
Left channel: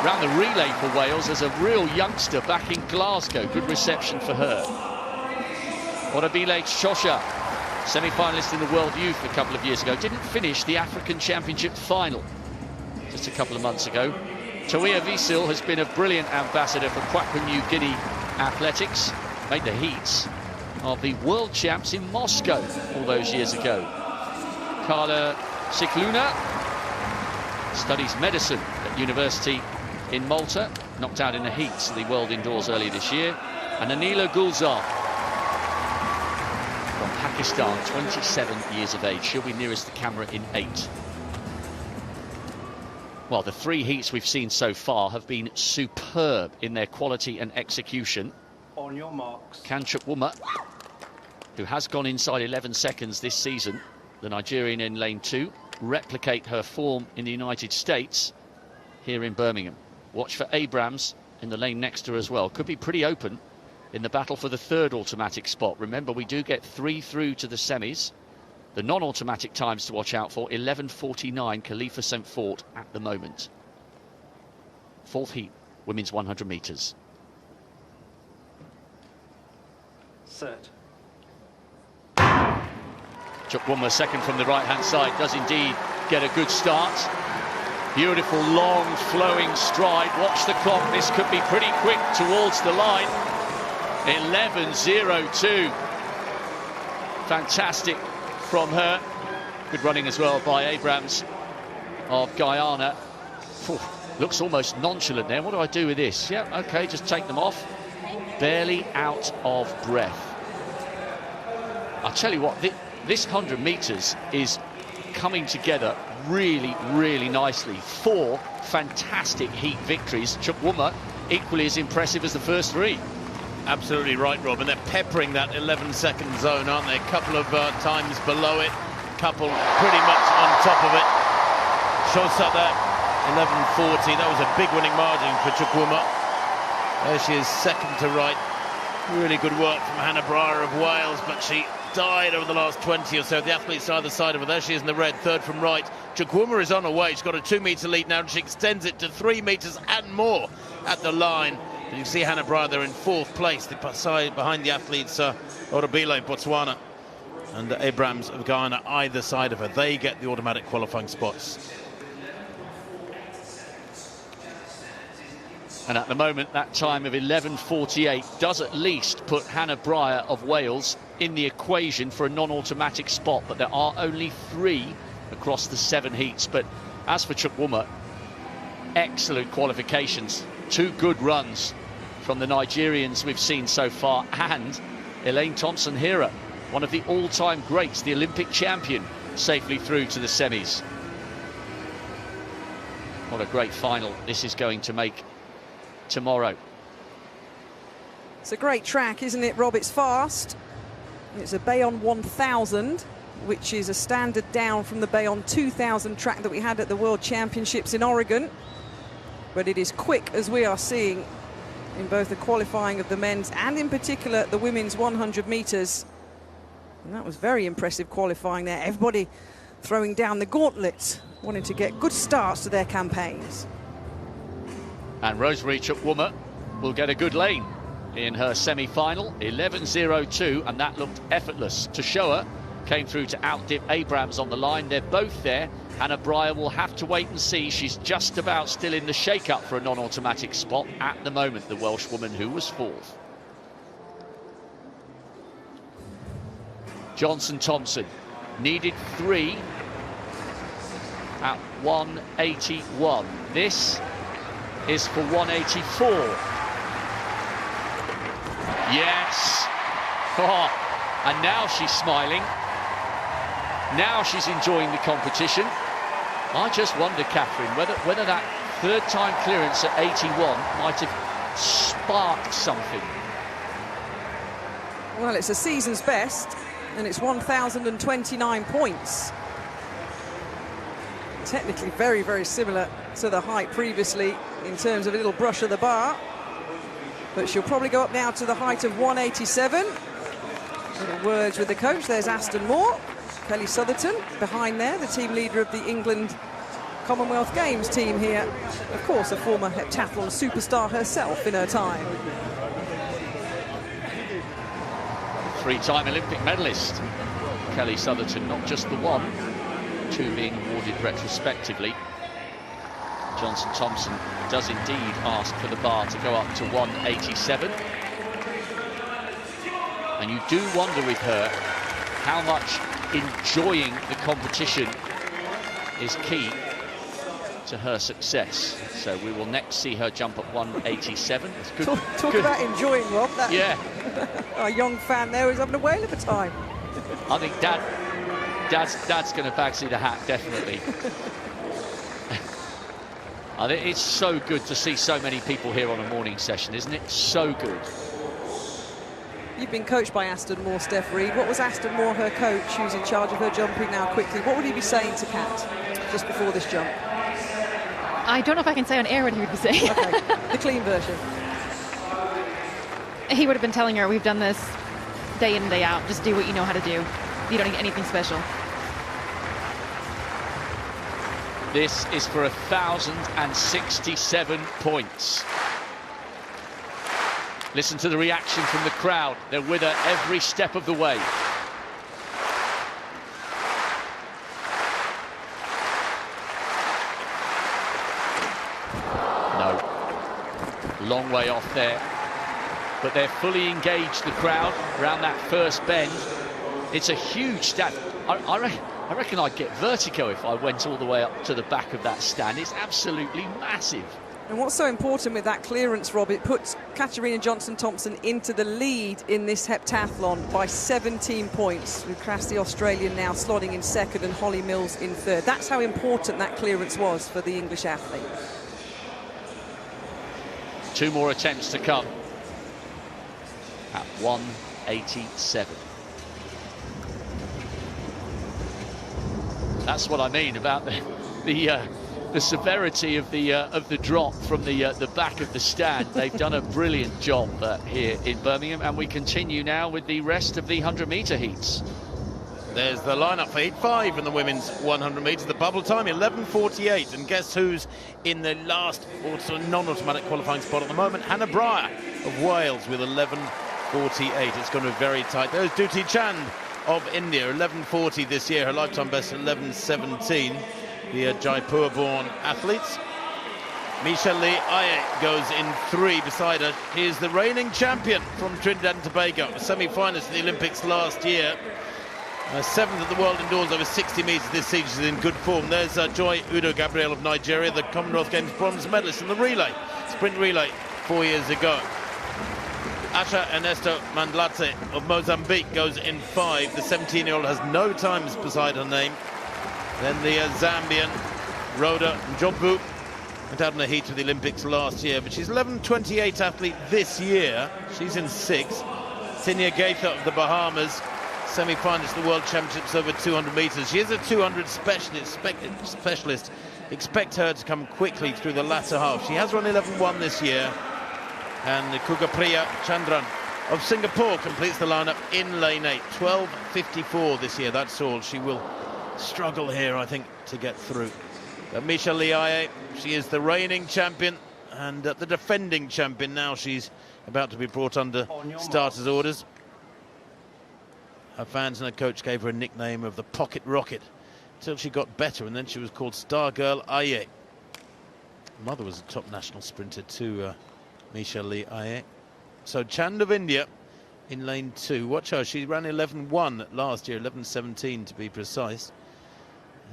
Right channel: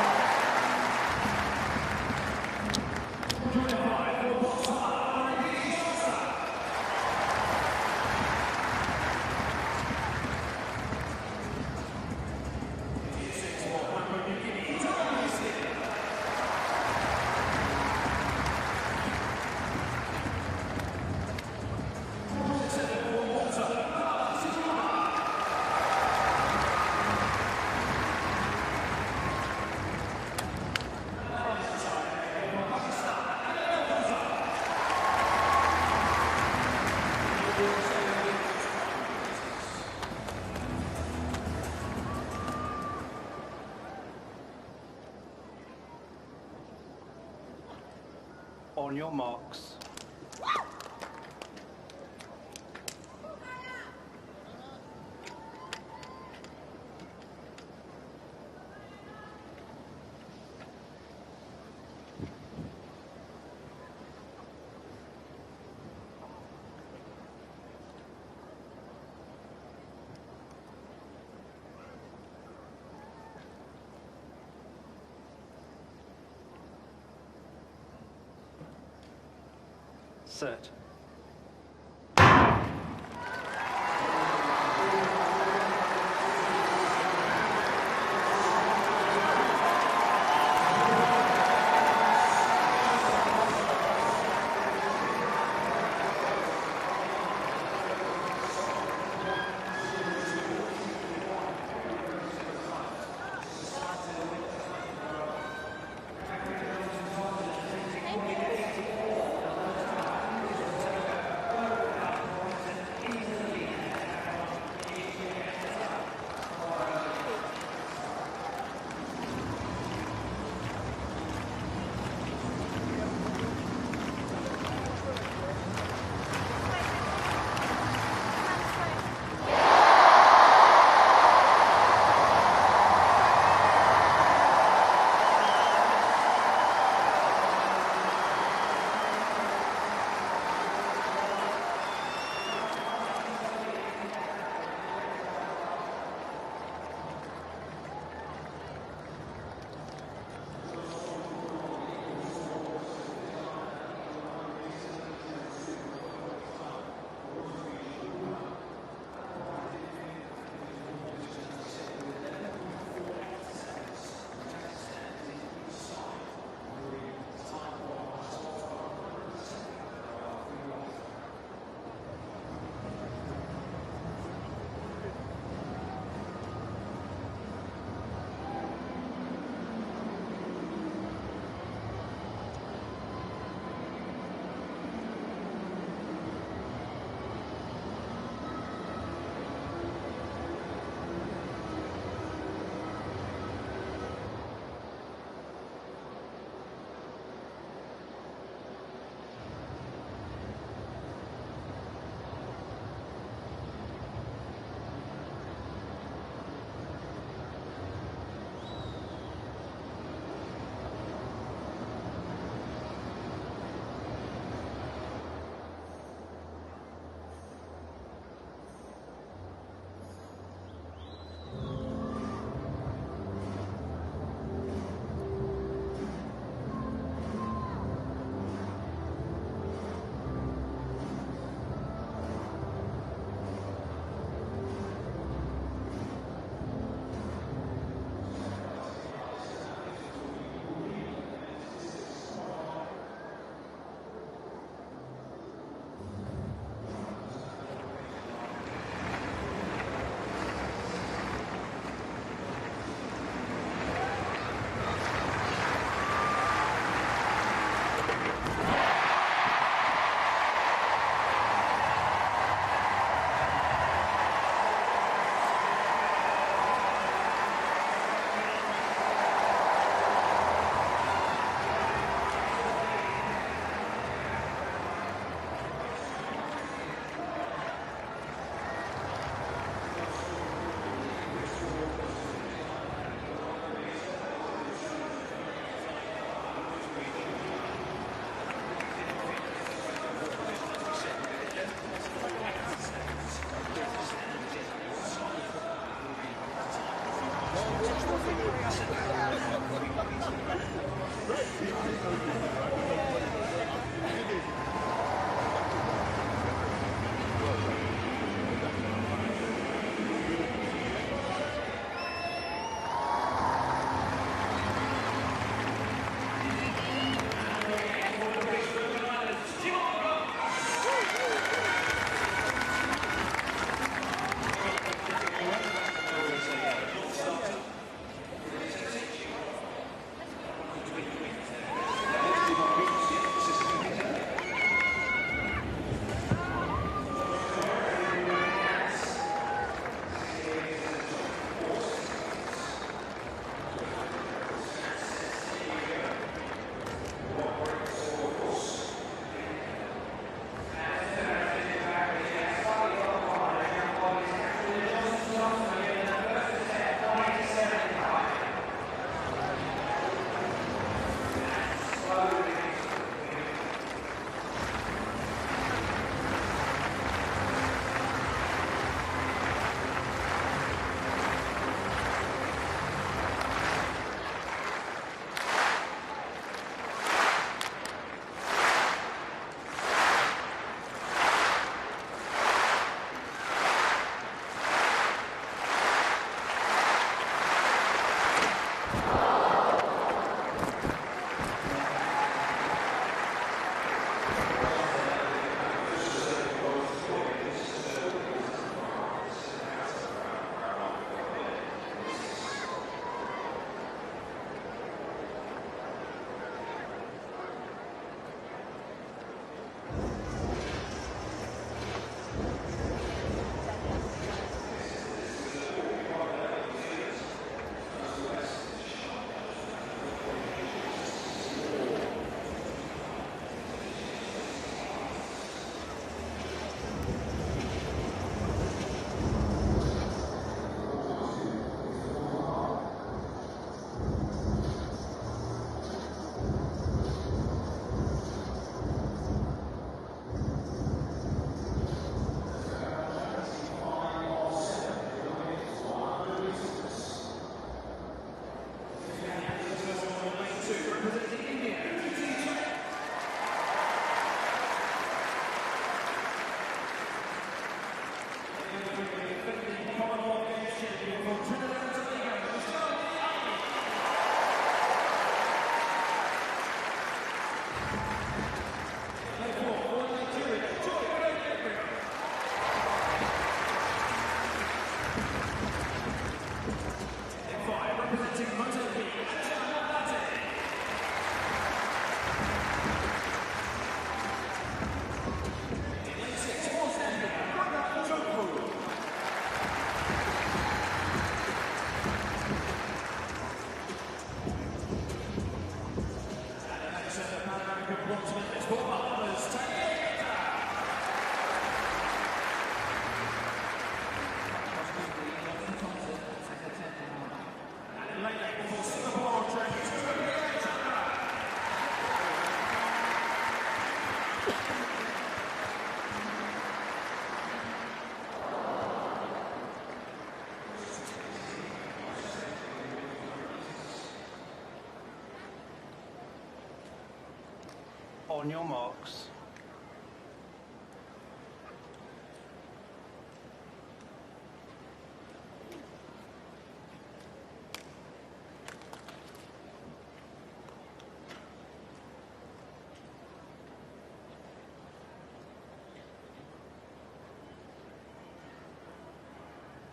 ran the relay for Wales as a real youngster back in Glasgow. Good reception for her. Orabile Shosha, semi-finalist in the World Youth a couple of years ago, didn't finish the African Championship final just a couple of months ago. Tawia Visil has been a brilliant ambassador for Papua New Guinea athletics. Made the heats of the World Champs in Moscow all those years ago. Carla Cicluna studies medicine at university in Malta, knocked out in the heats of the World Indoors earlier this year. And Anila Gulzar from Pakistan, 27 years of age. She'll be nearest the camera in 8. Well, the 3 heats we've seen so far have been superb in their quality and execution. On your marks. Can Chukwuma, who has gone inside 11 seconds this season, the Nigerian in lane 2, replicate her form in the United States here in Birmingham? Watch for Abrams in the lane next to her as well. Could be pretty open in the battle for the 3rd automatic spot. Remember, we do get 3 through to the semis. The non-automatic times to watch out for: 11:49 Khalifa St. Fort at the moment. 4th heat, women's 100 metres. Set. Chukwuma, second from the right-hand side, does indeed get a good start. Beautiful, long, flowing stride. Watch the clock. This could be pretty quick towards the line. 11:02. Fantastic from her. Good running as well by Abrams of Guyana. Looks almost nonchalant there. What do I do with this? Yeah, okay, just take them off. Barely out of breath. I'll tell you what, this 100 metres is coming together really, really nicely. 4 fantastic heat victories. Chukwuma equally as impressive as the first 3. Absolutely right, Rob, and they're peppering that 11-second zone, aren't they? A couple of times below it, a couple pretty much on top of it. Shows up there, 11:40. That was a big winning margin for Chukwuma. There she is, second to right. Really good work from Hannah Bryant of Wales, but she died over the last 20 or so. The athletes either side of her. There she is in the red, 3rd from right. Chukwuma is on her way. She's got a 2-metre lead now, and she extends it to 3 metres and more at the line. You see Hannah Bryant there in 4th place, the side behind the athletes, Orabile, Botswana, and Abrams of Ghana either side of her. They get the automatic qualifying spots. And at the moment, that time of 11:48 does at least put Hannah Bryant of Wales in the equation for a non-automatic spot, but there are only 3 across the 7 heats. But as for Chukwuma, excellent qualifications, 2 good runs from the Nigerians we've seen so far, and Elaine Thompson-Herah, one of the all-time greats, the Olympic champion, safely through to the semis. What a great final this is going to make tomorrow. It's a great track, isn't it, Rob? It's fast. It's a Bayonne 1000, which is a standard down from the Bayonne 2000 track that we had at the World Championships in Oregon. But it is quick, as we are seeing in both the qualifying of the men's and in particular the women's 100 metres. And that was very impressive qualifying there. Everybody throwing down the gauntlet, wanting to get good starts to their campaigns. And Rosemary Chukwuma will get a good lane in her semi-final, 11:02, and that looked effortless. Toshoa came through to outdip Abrams on the line. They're both there. Hannah Bryant will have to wait and see. She's just about still in the shake-up for a non-automatic spot at the moment, the Welsh woman who was 4th. Johnson-Thompson needed 3 at 181. This is for 184. Yes. Oh, and now she's smiling. Now she's enjoying the competition. I just wonder, Catherine, whether that third-time clearance at 81 might have sparked something. Well, it's a season's best, and it's 1,029 points. Technically very, very similar to the height previously in terms of a little brush of the bar. But she'll probably go up now to the height of 187. Words with the coach. There's Aston Moore, Kelly Sotherton behind there, the team leader of the England Commonwealth Games team here. Of course, a former heptathlon superstar herself in her time. Three-time Olympic medalist, Kelly Sotherton, not just the one, two being awarded retrospectively. Johnson Thompson does indeed ask for the bar to go up to 187. And you do wonder with her how much enjoying the competition is key to her success. So we will next see her jump at 187. Talk about enjoying, Rob. Yeah. Our young fan there is having a whale of a time. I think Dad's going to fancy the hat, definitely. I think it's so good to see so many people here on the morning session, isn't it? So good. You've been coached by Aston Moore, Steph Reed. What was Aston Moore, her coach, who's in charge of her jumping now quickly? What would he be saying to Kat just before this jump? I don't know if I can say on air what he would be saying. The clean version. He would have been telling her, we've done this day in, day out. Just do what you know how to do. You don't need anything special. This is for 1,067 points. Listen to the reaction from the crowd. They're with her every step of the way. No. Long way off there. But they're fully engaged, the crowd, around that first bend. It's a huge stand. I reckon I'd get vertigo if I went all the way up to the back of that stand. It's absolutely massive. And what's so important with that clearance, Rob, it puts Katarina Johnson-Thompson into the lead in this heptathlon by 17 points. With Crass, the Australian, now slotting in second and Holly Mills in third. That's how important that clearance was for the English athlete. Two more attempts to come at 187. That's what I mean about the severity of the drop from the back of the stand. They've done a brilliant job here in Birmingham, and we continue now with the rest of the 100-metre heats. There's the lineup for heat 5 in the women's 100 metres. The bubble time 11:48, and guess who's in the last also non-automatic qualifying spot at the moment? Hannah Breyer of Wales with 11:48. It's going to be very tight. There's Duty Chand of India, 11:40 this year. Her lifetime best 11:17. The Jaipur-born athletes. Misha Lee Aye goes in 3 beside her. He is the reigning champion from Trinidad and Tobago, a semi-finalist in the Olympics last year. 7th at the world indoors over 60 metres this season. She's in good form. There's Joy Udo Gabriel of Nigeria, the Commonwealth Games bronze medalist in the relay, sprint relay 4 years ago. Asha Ernesto Mandlatse of Mozambique goes in 5. The 17-year-old has no times beside her name. Then the Zambian Rhoda Njombu went out in the heat of the Olympics last year, but she's 11:28 athlete this year. She's in 6th. Sinia Gaither of the Bahamas, semi-finalist of the World Championships over 200 metres. She is a 200 specialist. Expect her to come quickly through the latter half. She has run 11:1 this year. And Kugapriya Chandran of Singapore completes the lineup in lane 8. 12:54 this year, that's all. She will struggle here, I think, to get through. Misha Lee Aye, she is the reigning champion and the defending champion. Now she's about to be brought under starters' orders. Her fans and her coach gave her a nickname of the Pocket Rocket until she got better, and then she was called Star Girl Aye. Her mother was a top national sprinter too, Misha Lee Aye. So Chand of India in lane 2. Watch her, she ran 11:1 last year, 11:17 to be precise.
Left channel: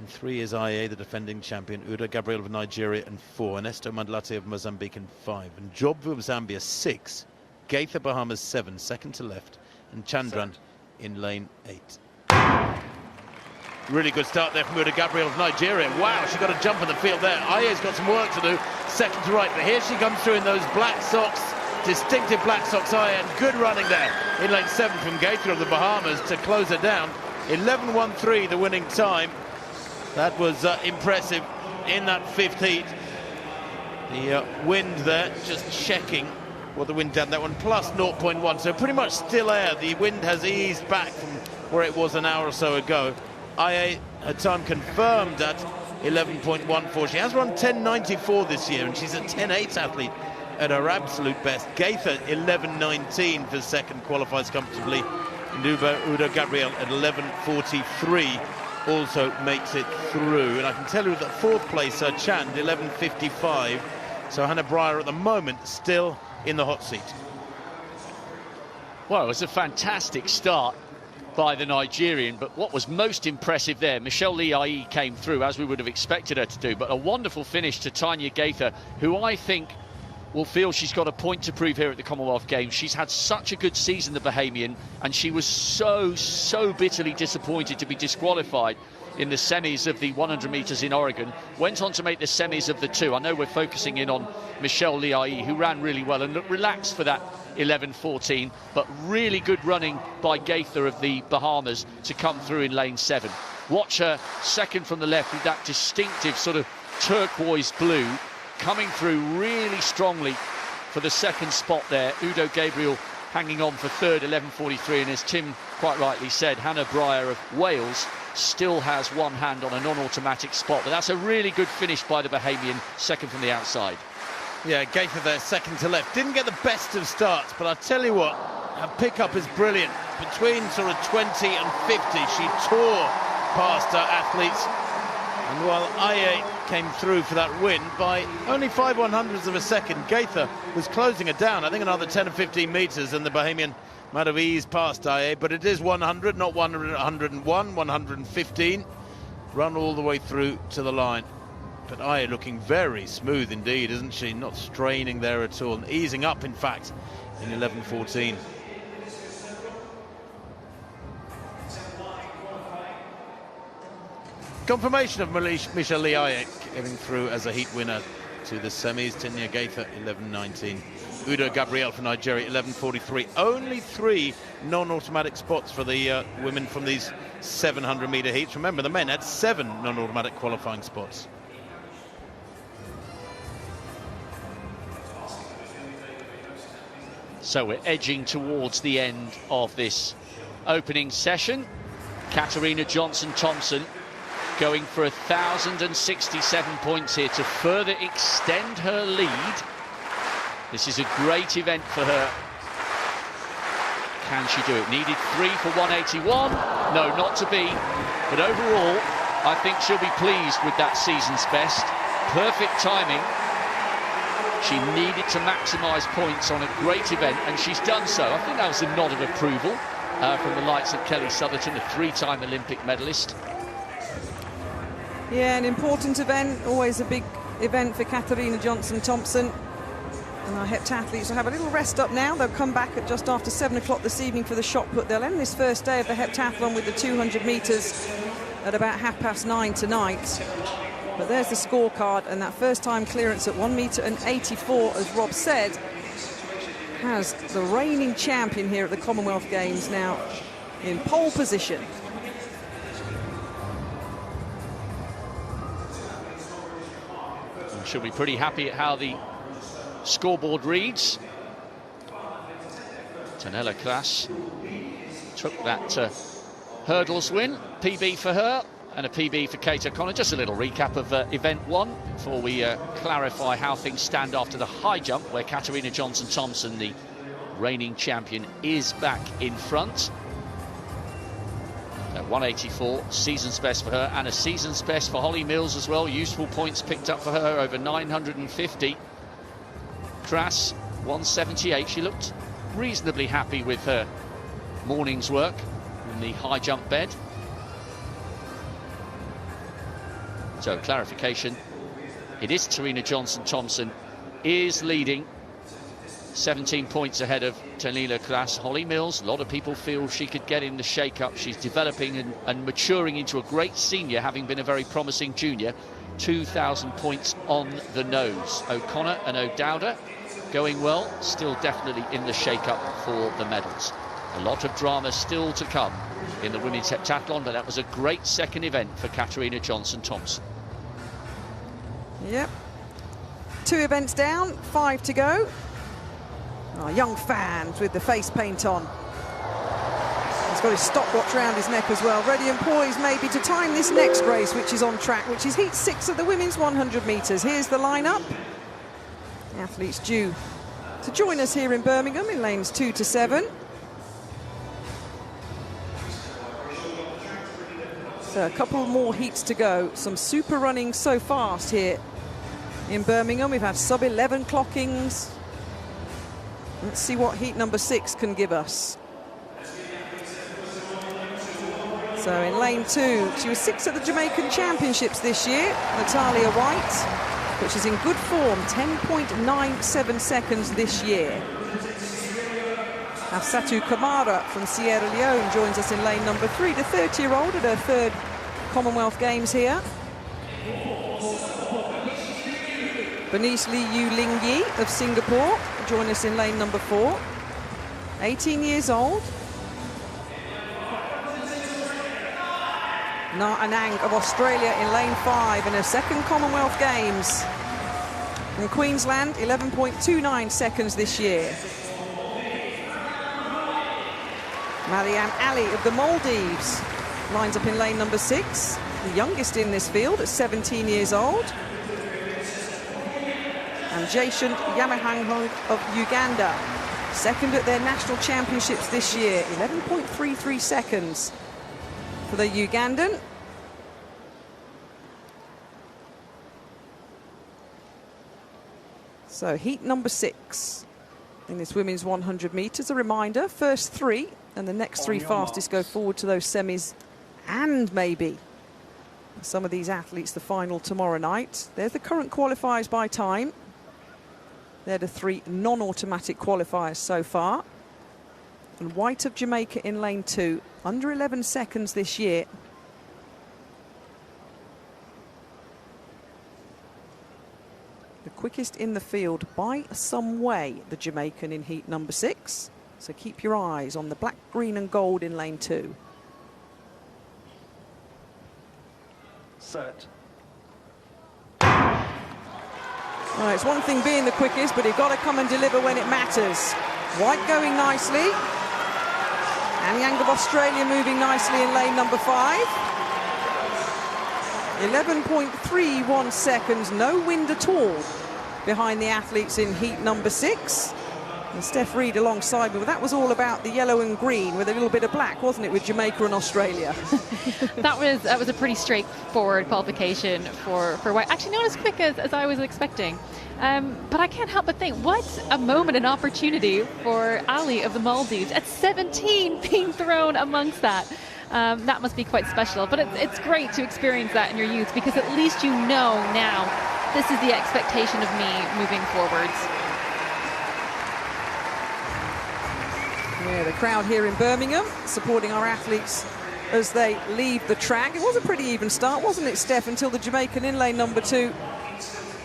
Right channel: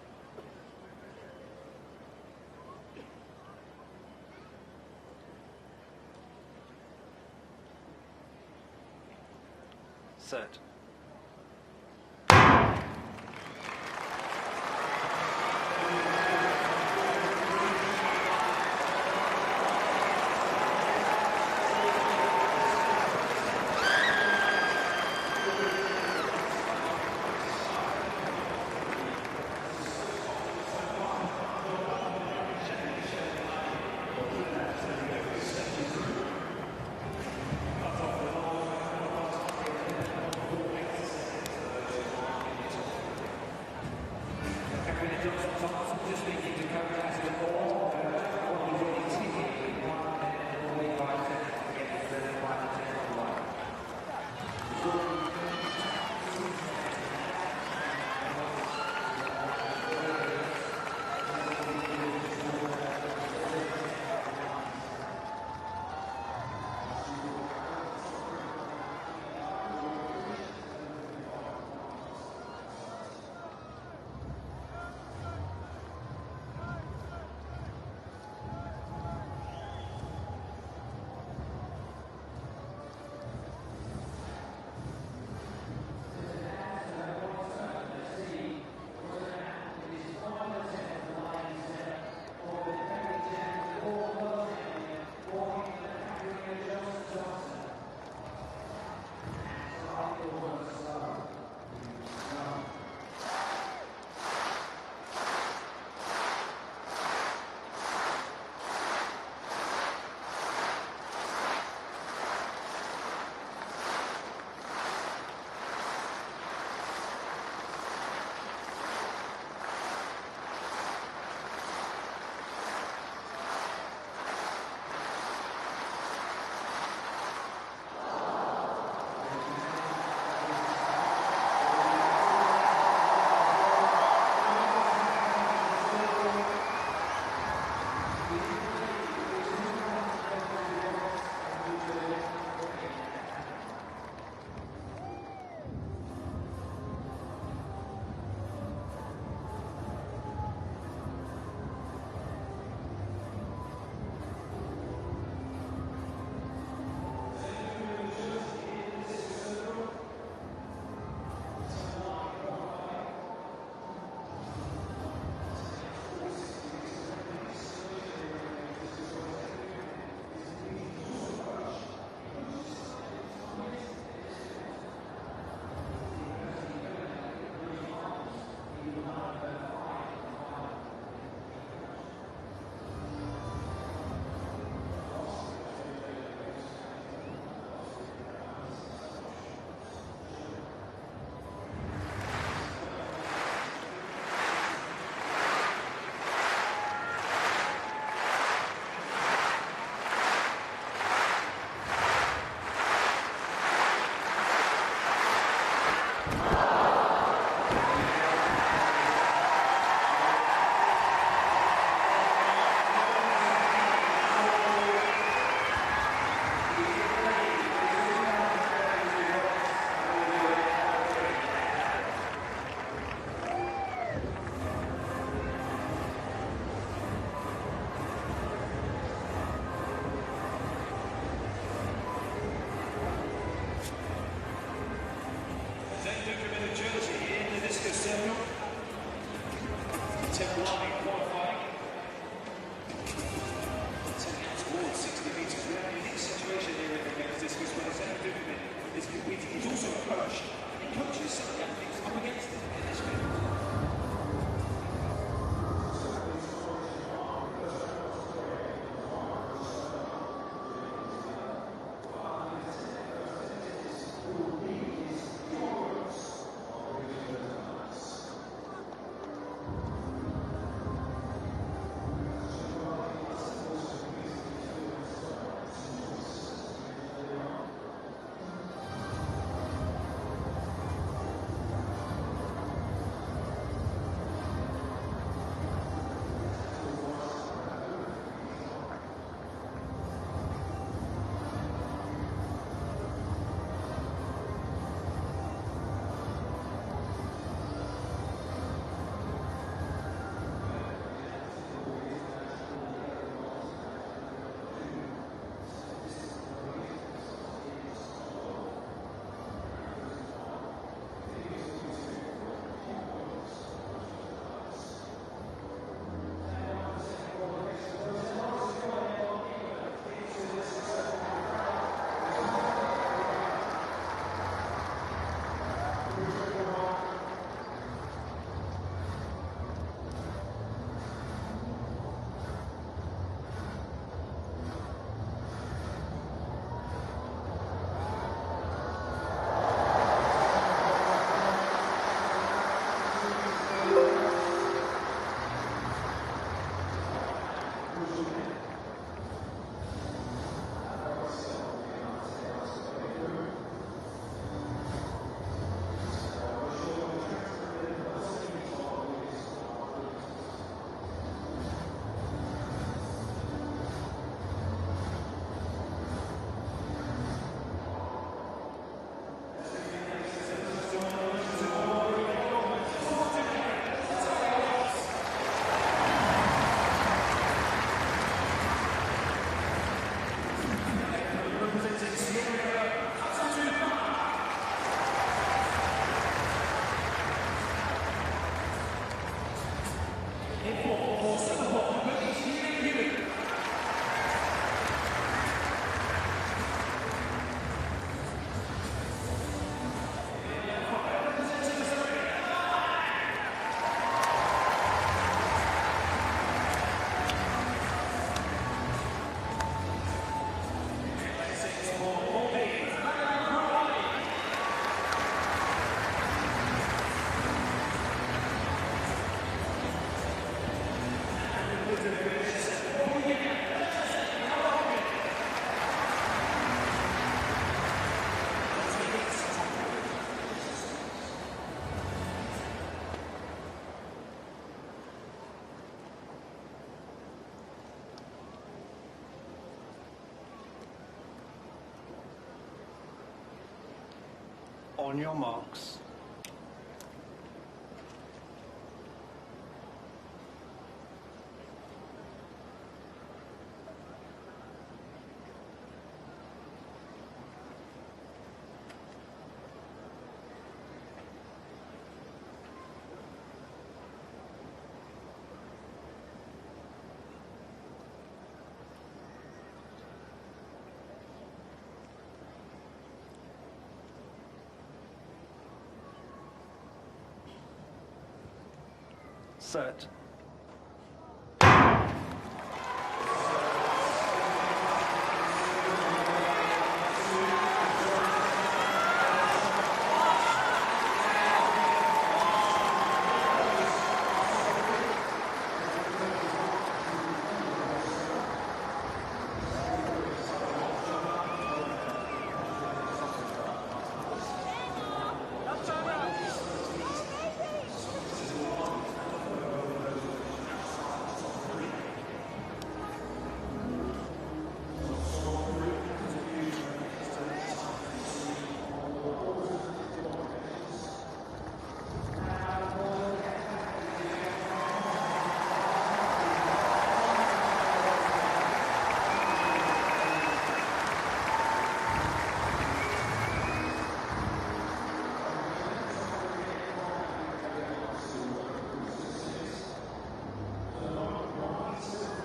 And 3 is IA, the defending champion. Udo Gabriel of Nigeria in 4. Ernesto Mandlate of Mozambique in 5. And Jobvu of Zambia 6. Gaither Bahamas 7, second to left. And Chandran in lane 8. Really good start there from Udo Gabriel of Nigeria. Wow, she's got a jump in the field there. IA's got some work to do. Second to right. But here she comes through in those black socks. Distinctive black socks. IA. Good running there in lane 7 from Gaither of the Bahamas to close her down. 11.13 the winning time. That was impressive in that 15th heat. The wind there, just checking what the wind done. That one plus 0.1, so pretty much still air. The wind has eased back from where it was an hour or so ago. IA, her time confirmed at 11.14. She has run 10.94 this year, and she's a 10.8 athlete at her absolute best. Gaither 11.19 for second, qualifies comfortably. Udo Gabriel at 11.43 also makes it through. And I can tell you that fourth place, Chan, 11.55. So Hannah Breyer at the moment still in the hot seat. Well, it was a fantastic start by the Nigerian, but what was most impressive there, Michelle Lee Ai came through as we would have expected her to do, but a wonderful finish to Tanya Gaither, who I think will feel she's got a point to prove here at the Commonwealth Games. She's had such a good season, the Bahamian, and she was so bitterly disappointed to be disqualified in the semis of the 100 metres in Oregon. Went on to make the semis of the 2. I know we're focusing in on Michelle Lee Ai, who ran really well and looked relaxed for that 11.14, but really good running by Gaither of the Bahamas to come through in lane 7. Watch her second from the left with that distinctive sort of turquoise blue, coming through really strongly for the second spot there. Udo Gabriel hanging on for third, 11.43, and as Tim quite rightly said, Hannah Breyer of Wales still has one hand on a non-automatic spot, but that's a really good finish by the Bahamian, second from the outside. Yeah, Gaither there, second to left. Didn't get the best of starts, but I'll tell you what, her pickup is brilliant. Between sort of 20 and 50, she tore past her athletes. And while IA came through for that win by only 5/100ths of a second, Gaither was closing it down. I think another 10 or 15 metres, and the Bahamian might have eased past IA, but it is 100, not 100, 101, 115. Run all the way through to the line. But IA looking very smooth indeed, isn't she? Not straining there at all, and easing up, in fact, in 11.14. Confirmation of Michelle Lee Ai getting through as a heat winner to the semis. Tanya Gaither, 11.19. Udo Gabriel for Nigeria, 11.43. Only 3 non-automatic spots for the women from these 700-metre heats. Remember, the men had 7 non-automatic qualifying spots. So we're edging towards the end of this opening session. Katarina Johnson-Thompson going for 1,067 points here to further extend her lead. This is a great event for her. Can she do it? Needed 3 for 181. No, not to be. But overall, I think she'll be pleased with that season's best. Perfect timing. She needed to maximise points on a great event, and she's done so. I think that was a nod of approval from the likes of Kelly Southerton, a 3-time Olympic medalist. Yeah, an important event, always a big event for Katarina Johnson-Thompson. And our heptathletes will have a little rest up now. They'll come back at just after 7 o'clock this evening for the shot put. They'll end this first day of the heptathlon with the 200 metres at about 9:30 tonight. But there's the scorecard, and that first time clearance at 1.84 m, as Rob said, has the reigning champion here at the Commonwealth Games now in pole position. She'll be pretty happy at how the scoreboard reads. Tanella Klaas took that hurdles win, PB for her and a PB for Kate O'Connor. Just a little recap of event 1 before we clarify how things stand after the high jump, where Katarina Johnson-Thompson, the reigning champion, is back in front. 184, season's best for her, and a season's best for Holly Mills as well. Useful points picked up for her, over 950. Klaas, 178. She looked reasonably happy with her morning's work in the high jump bed. So clarification, it is Serena Johnson-Thompson is leading, 17 points ahead of Tanila Kras. Holly Mills, a lot of people feel she could get in the shake-up. She's developing and maturing into a great senior, having been a very promising junior. 2,000 points on the nose. O'Connor and O'Dowda going well, still definitely in the shake-up for the medals. A lot of drama still to come in the women's heptathlon, but that was a great second event for Katarina Johnson-Thompson. Yep. 2 events down, 5 to go. Our young fans with the face paint on. He's got his stopwatch around his neck as well. Ready and poised maybe to time this next race, which is on track, which is heat 6 of the women's 100 metres. Here's the lineup. Athletes due to join us here in Birmingham in lanes 2 to 7. So a couple more heats to go. Some super running so fast here in Birmingham. We've had sub-11 clockings. Let's see what heat number 6 can give us. So in lane 2, she was 6th at the Jamaican Championships this year, Natalia White, but she's in good form, 10.97 seconds this year. Satu Kamara from Sierra Leone joins us in lane number 3, the 30-year-old at her 3rd Commonwealth Games here. Bernice Lee Yu Ling Yi of Singapore join us in lane number 4. 18 years old. Na Anang of Australia in lane 5 in her 2nd Commonwealth Games. In Queensland, 11.29 seconds this year. Marianne Ali of the Maldives lines up in lane number 6, the youngest in this field at 17 years old. And Jason Yamahango of Uganda, 2nd at their national championships this year, 11.33 seconds for the Ugandan. So heat number 6 in this women's 100 metres. A reminder, first 3 and the next 3 fastest go forward to those semis, and maybe some of these athletes the final tomorrow night. There's the current qualifiers by time. They're the 3 non-automatic qualifiers so far. And White of Jamaica in lane 2, under 11 seconds this year. The quickest in the field by some way, the Jamaican in heat number 6. So keep your eyes on the black, green and gold in lane 2. Set. Well, it's one thing being the quickest, but you've got to come and deliver when it matters. White going nicely. And Yang of Australia moving nicely in lane number 5. 11.31 seconds, no wind at all behind the athletes in heat number 6. And Steph Reed alongside me, but that was all about the yellow and green with a little bit of black, wasn't it, with Jamaica and Australia? that was a pretty straightforward qualification for White. Actually, not as quick as I was expecting. But I can't help but think, what a moment and opportunity for Ali of the Maldives at 17 being thrown amongst that. That must be quite special. But it's great to experience that in your youth, because at least you know now this is the expectation of me moving forwards. The crowd here in Birmingham supporting our athletes as they leave the track. It was a pretty even start, wasn't it, Steph, until the Jamaican in lane number 2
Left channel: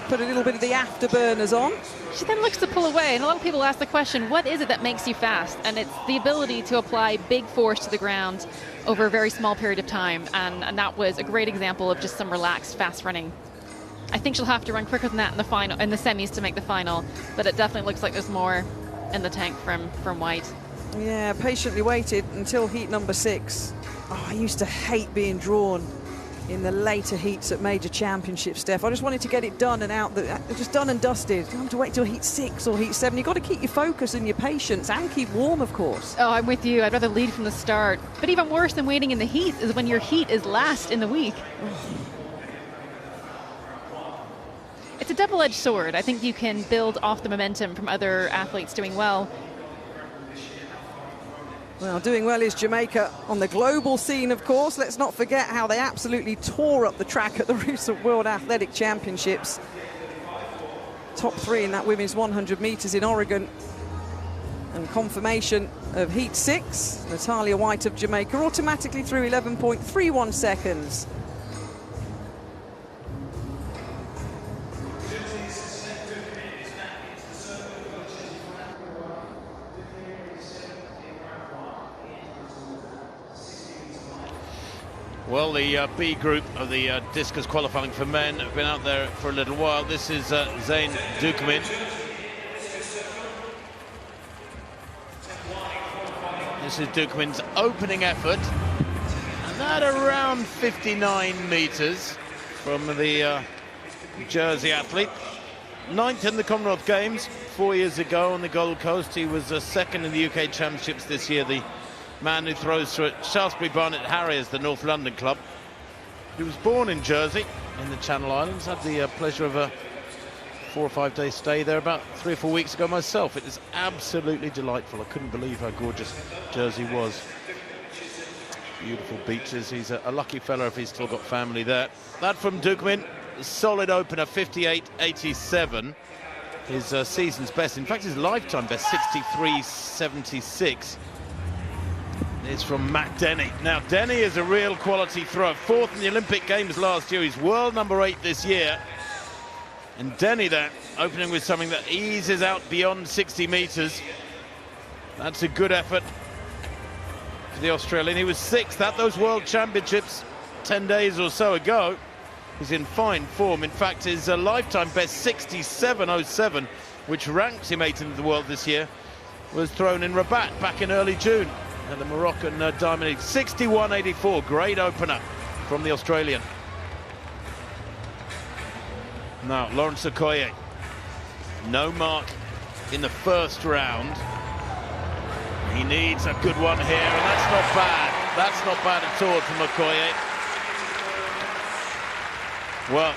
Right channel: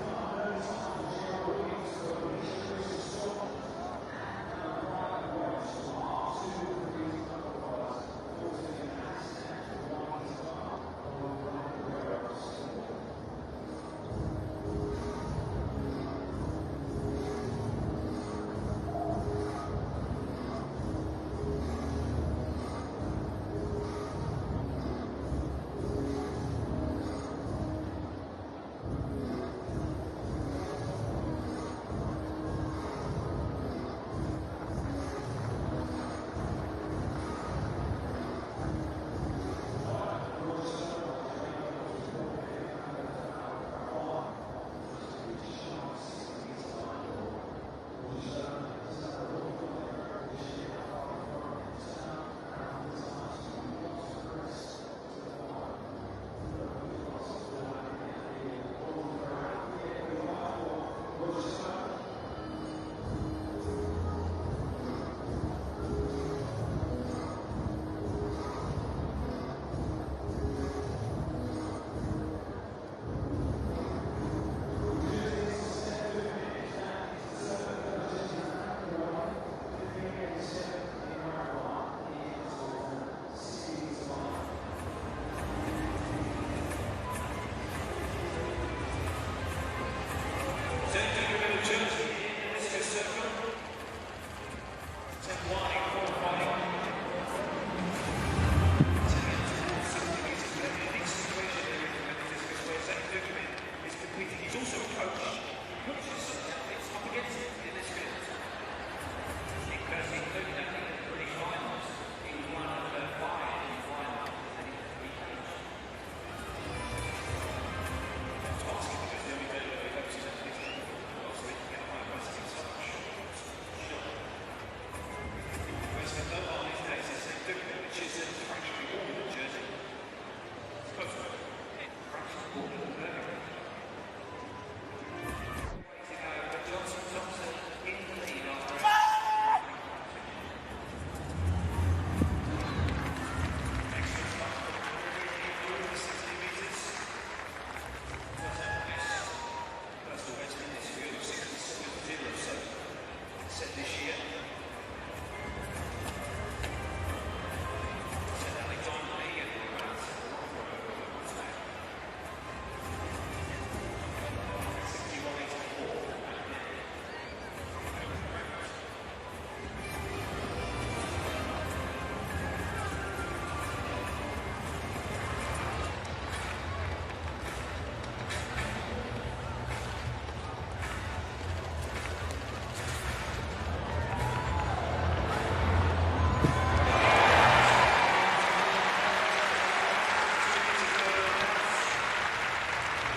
put a little bit of the afterburners on. She then looks to pull away, and a lot of people ask the question, what is it that makes you fast? And it's the ability to apply big force to the ground over a very small period of time, and that was a great example of just some relaxed, fast running. I think she'll have to run quicker than that in the final, in the semis, to make the final, but it definitely looks like there's more in the tank from White. Yeah, patiently waited until heat number 6. Oh, I used to hate being drawn in the later heats at major championships, Steph. I just wanted to get it done and out, just done and dusted. You don't have to wait till heat 6 or heat 7. You've got to keep your focus and your patience and keep warm, of course. Oh, I'm with you. I'd rather lead from the start. But even worse than waiting in the heat is when your heat is last in the week. It's a double-edged sword. I think you can build off the momentum from other athletes doing well. Well, doing well is Jamaica on the global scene, of course. Let's not forget how they absolutely tore up the track at the recent World Athletic Championships. Top 3 in that women's 100 meters in Oregon. And confirmation of heat 6. Natalia White of Jamaica automatically through 11.31 seconds. Well, the B group of the discus qualifying for men have been out there for a little while. This is Zain Dukman. This is Dukman's opening effort at around 59 meters from the Jersey athlete. 9th in the Commonwealth Games 4 years ago on the Gold Coast. He was second in the UK Championships this year. The man who throws through at Shaftesbury Barnet Harriers, the North London club. He was born in Jersey, in the Channel Islands. Had the pleasure of a 4 or 5 day stay there about 3 or 4 weeks ago myself. It was absolutely delightful. I couldn't believe how gorgeous Jersey was. Beautiful beaches. He's a lucky fella if he's still got family there. That from Dukman, solid opener, 58.87. His season's best, in fact his lifetime best, 63.76. Is from Matt Denny. Now, Denny is a real quality thrower. 4th in the Olympic Games last year. He's world number 8 this year. And Denny then, opening with something that eases out beyond 60 meters. That's a good effort for the Australian. He was 6th at those World Championships 10 days or so ago. He's in fine form. In fact, his lifetime best, 67.07, which ranks him 8th in the world this year, was thrown in Rabat back in early June. And the Moroccan Diamond League, 61.84, great opener from the Australian. Now, Lawrence Okoye, no mark in the first round. He needs a good one here. That's not bad. That's not bad at all from Okoye. Well,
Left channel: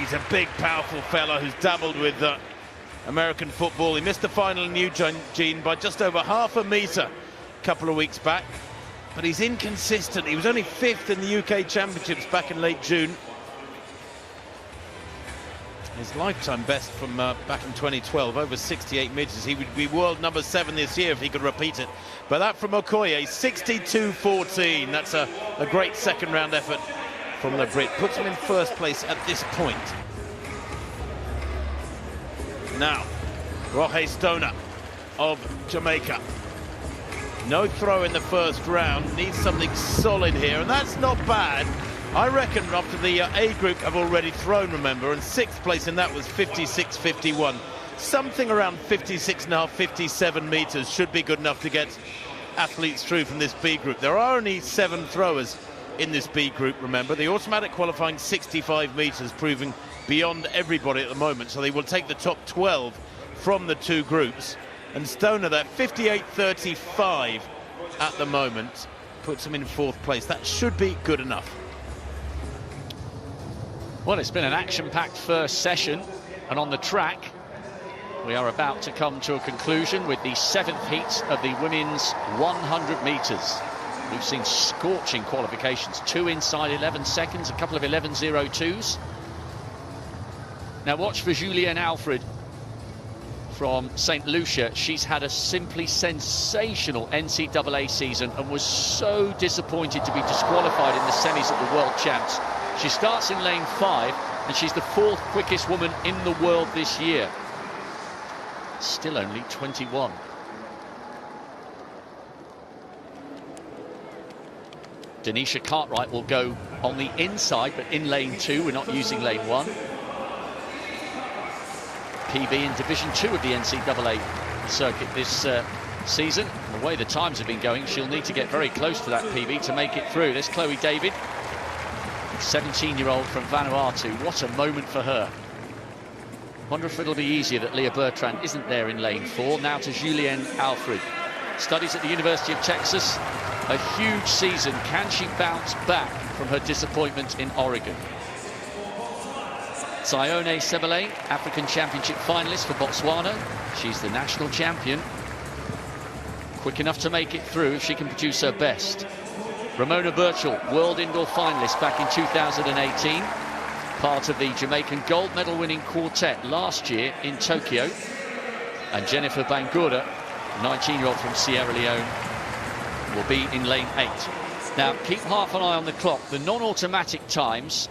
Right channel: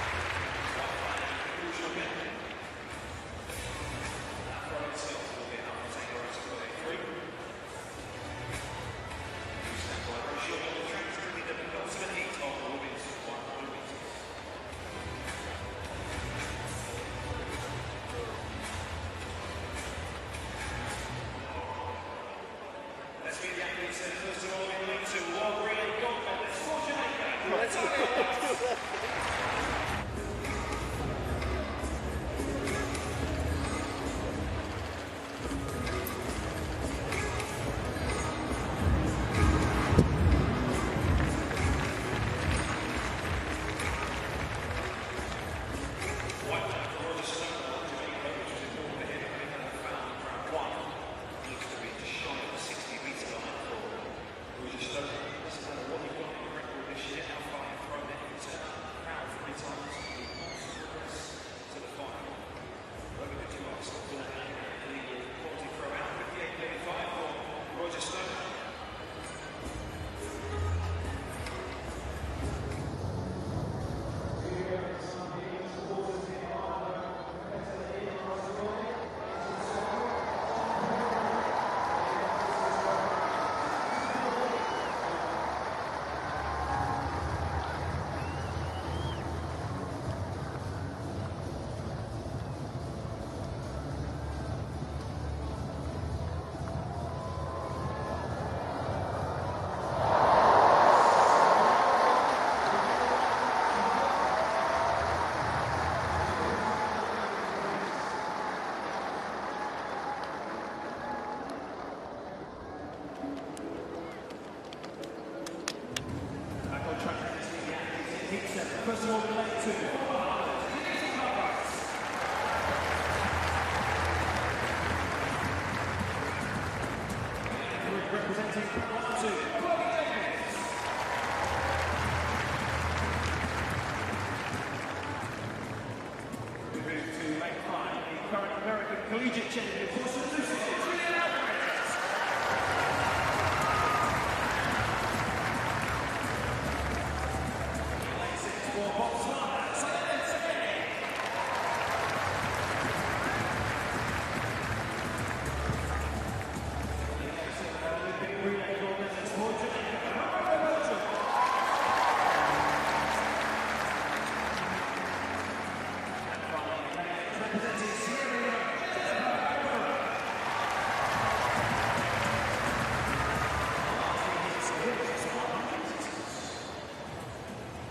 he's a big, powerful fella who's dabbled with American football. He missed the final in Eugene by just over half a metre a couple of weeks back, but he's inconsistent. He was only 5th in the UK Championships back in late June. His lifetime best from back in 2012, over 68 metres. He would be world number 7 this year if he could repeat it. But that from Okoye, 62.14. That's a great second round effort from the Brit. Puts him in first place at this point. Now, Roge Stoner of Jamaica. No throw in the first round, needs something solid here, and that's not bad. I reckon after the A group have already thrown, remember, and 6th place in that was 56.51. Something around 56.5, 57 metres should be good enough to get athletes through from this B group. There are only 7 throwers in this B group, remember. The automatic qualifying 65 metres, proving beyond everybody at the moment, so they will take the top 12 from the 2 groups. And Stoner there, 58.35 at the moment, puts him in 4th place. That should be good enough. Well, it's been an action-packed first session, and on the track we are about to come to a conclusion with the 7th heat of the women's 100 metres. We've seen scorching qualifications, 2 inside 11 seconds, a couple of 11.02s. Now watch for Julienne Alfred from St. Lucia. She's had a simply sensational NCAA season and was so disappointed to be disqualified in the semis at the World Champs. She starts in lane 5 and she's the 4th quickest woman in the world this year. Still only 21. Denisha Cartwright will go on the inside, but in lane 2. We're not using lane 1. PB in Division 2 of the NCAA circuit this season. The way the times have been going, she'll need to get very close to that PB to make it through. There's Chloe David, 17-year-old from Vanuatu. What a moment for her. Wonder if it'll be easier that Leah Bertrand isn't there in lane 4. Now to Julienne Alfred. Studies at the University of Texas. A huge season. Can she bounce back from her disappointment in Oregon? Zione Sebele, African Championship finalist for Botswana. She's the national champion. quick enough to make it through if she can produce her best. Ramona Birchall, world indoor finalist back in 2018. Part of the Jamaican gold medal winning quartet last year in Tokyo. And Jennifer Bangura, 19-year-old from Sierra Leone, will be in lane 8. Now, keep half an eye on the clock. The non-automatic times,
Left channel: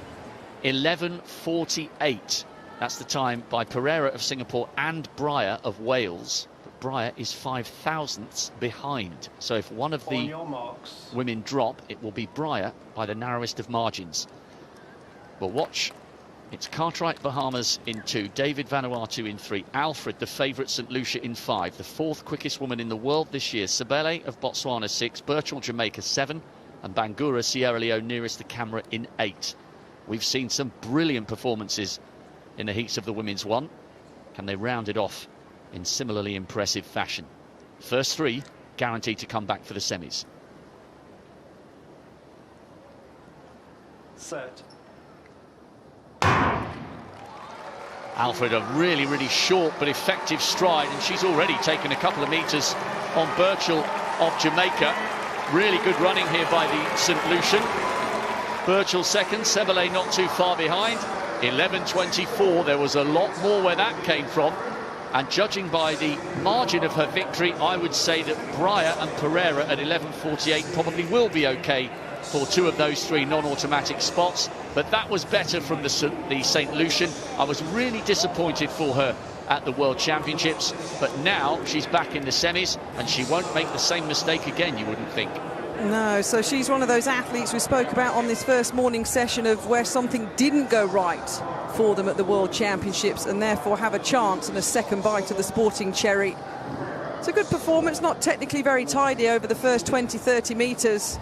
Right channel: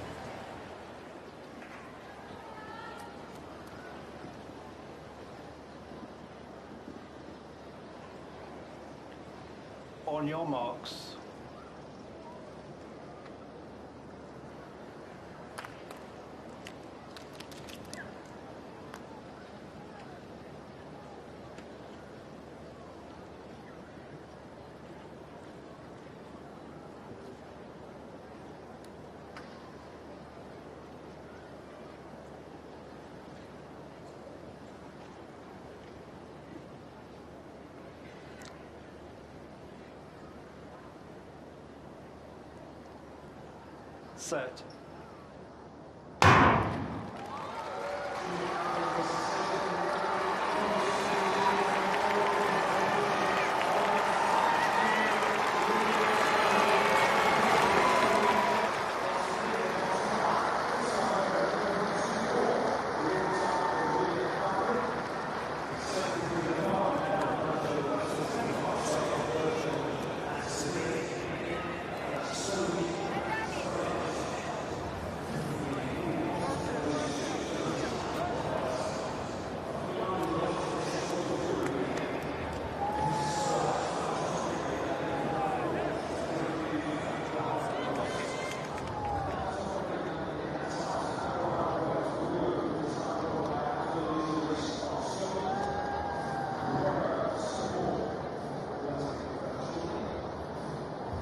11:48. That's the time by Pereira of Singapore and Breyer of Wales. Breyer is 5 thousandths behind. So if one of the women drop, it will be Breyer by the narrowest of margins. But watch. It's Cartwright Bahamas in 2, David Vanuatu in 3, Alfred, the favourite, St Lucia in 5, the 4th quickest woman in the world this year, Sabele of Botswana 6, Birchall Jamaica 7, and Bangura Sierra Leone nearest the camera in 8. We've seen some brilliant performances in the heats of the women's 1. Can they round it off in similarly impressive fashion? First 3 guaranteed to come back for the semis. Set. Alfred, a really short but effective stride, and she's already taken a couple of metres on Birchall of Jamaica. Really good running here by the St Lucian. Birchall second, Sebele not too far behind. 11:24, there was a lot more where that came from. And judging by the margin of her victory, I would say that Breyer and Pereira at 11:48 probably will be okay for 2 of those 3 non-automatic spots. But that was better from the St Lucian. I was really disappointed for her at the World Championships, but now she's back in the semis and she won't make the same mistake again, you wouldn't think. No, so she's one of those athletes we spoke about on this first morning session of where something didn't go right for them at the World Championships and therefore have a chance and a second bite of the sporting cherry. It's a good performance, not technically very tidy over the first 20-30 metres,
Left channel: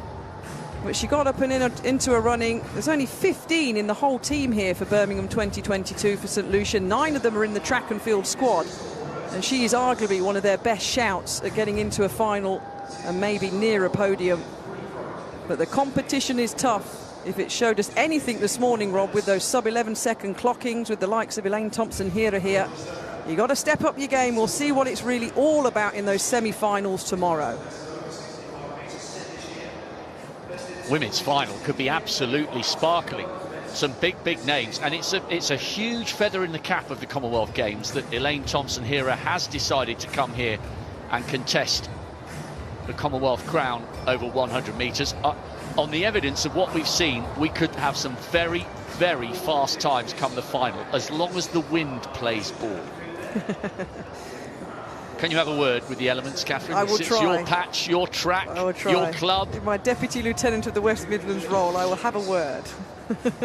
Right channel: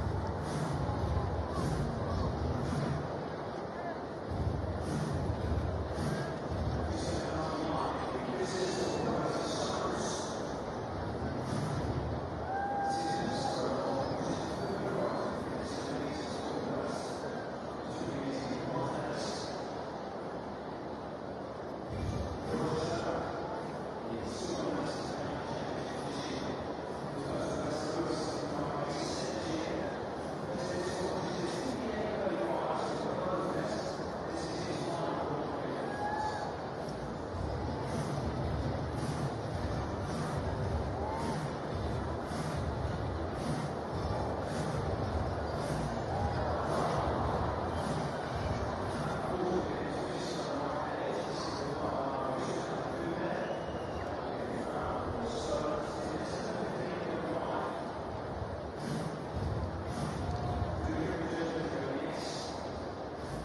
but she got up and into a running. There's only 15 in the whole team here for Birmingham 2022 for St Lucia. 9 of them are in the track and field squad, and she is arguably one of their best shouts at getting into a final and maybe near a podium. But the competition is tough. If it showed us anything this morning, Rob, with those sub-11 second clockings with the likes of Elaine Thompson-Herah here, you got to step up your game. We'll see what it's really all about in those semi-finals tomorrow. Women's final could be absolutely sparkling. Some big names, and it's a huge feather in the cap of the Commonwealth Games that Elaine Thompson-Herah has decided to come here and contest the Commonwealth crown over 100 metres. On the evidence of what we've seen, we could have some very fast times come the final, as long as the wind plays ball. Can you have a word with the elements, Catherine? I will Since try. your patch, your track, I will try. your club. In my Deputy Lieutenant of the West Midlands role, I will have a word.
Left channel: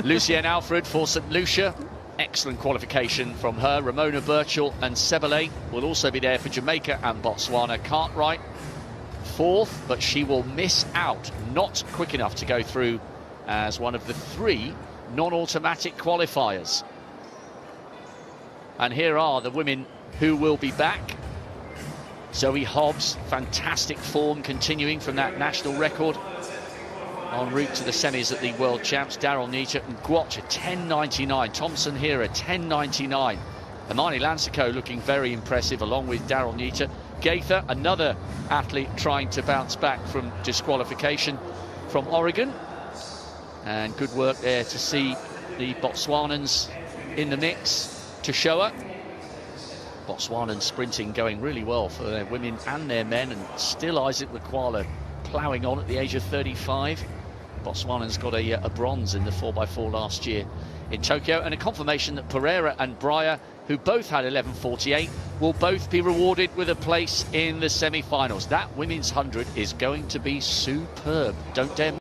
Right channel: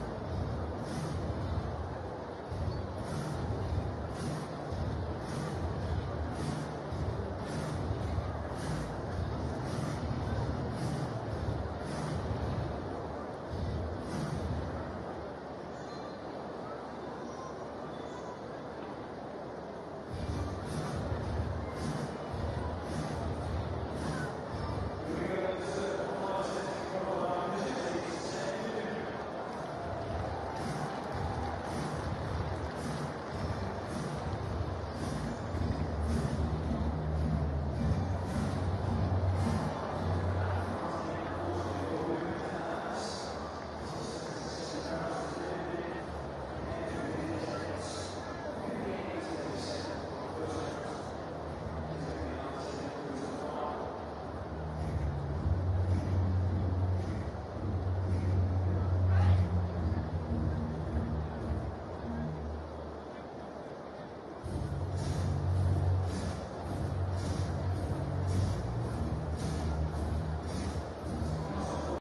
Lucienne Alfred for St Lucia. Excellent qualification from her. Ramona Birchall and Sebele will also be there for Jamaica and Botswana. Cartwright 4th, but she will miss out. Not quick enough to go through as one of the 3 non-automatic qualifiers. And here are the women who will be back. Zoe Hobbs, fantastic form continuing from that national record. En route to the semis at the World Champs. Daryl Nietzsche and Gwatch at 10.99. Thompson-Herah 10.99. Amani Lansico looking very impressive along with Daryl Nietzsche. Gaither, another athlete trying to bounce back from disqualification from Oregon. And good work there to see the Botswanans in the mix. Toshoa. Botswanan sprinting going really well for their women and their men, and still Isaac Lekwala ploughing on at the age of 35. Botswanan's got a bronze in the 4x4 last year in Tokyo, and a confirmation that Pereira and Breyer, who both had 11:48, will both be rewarded with a place in the semi-finals. That women's 100 is going to be superb. Don't dare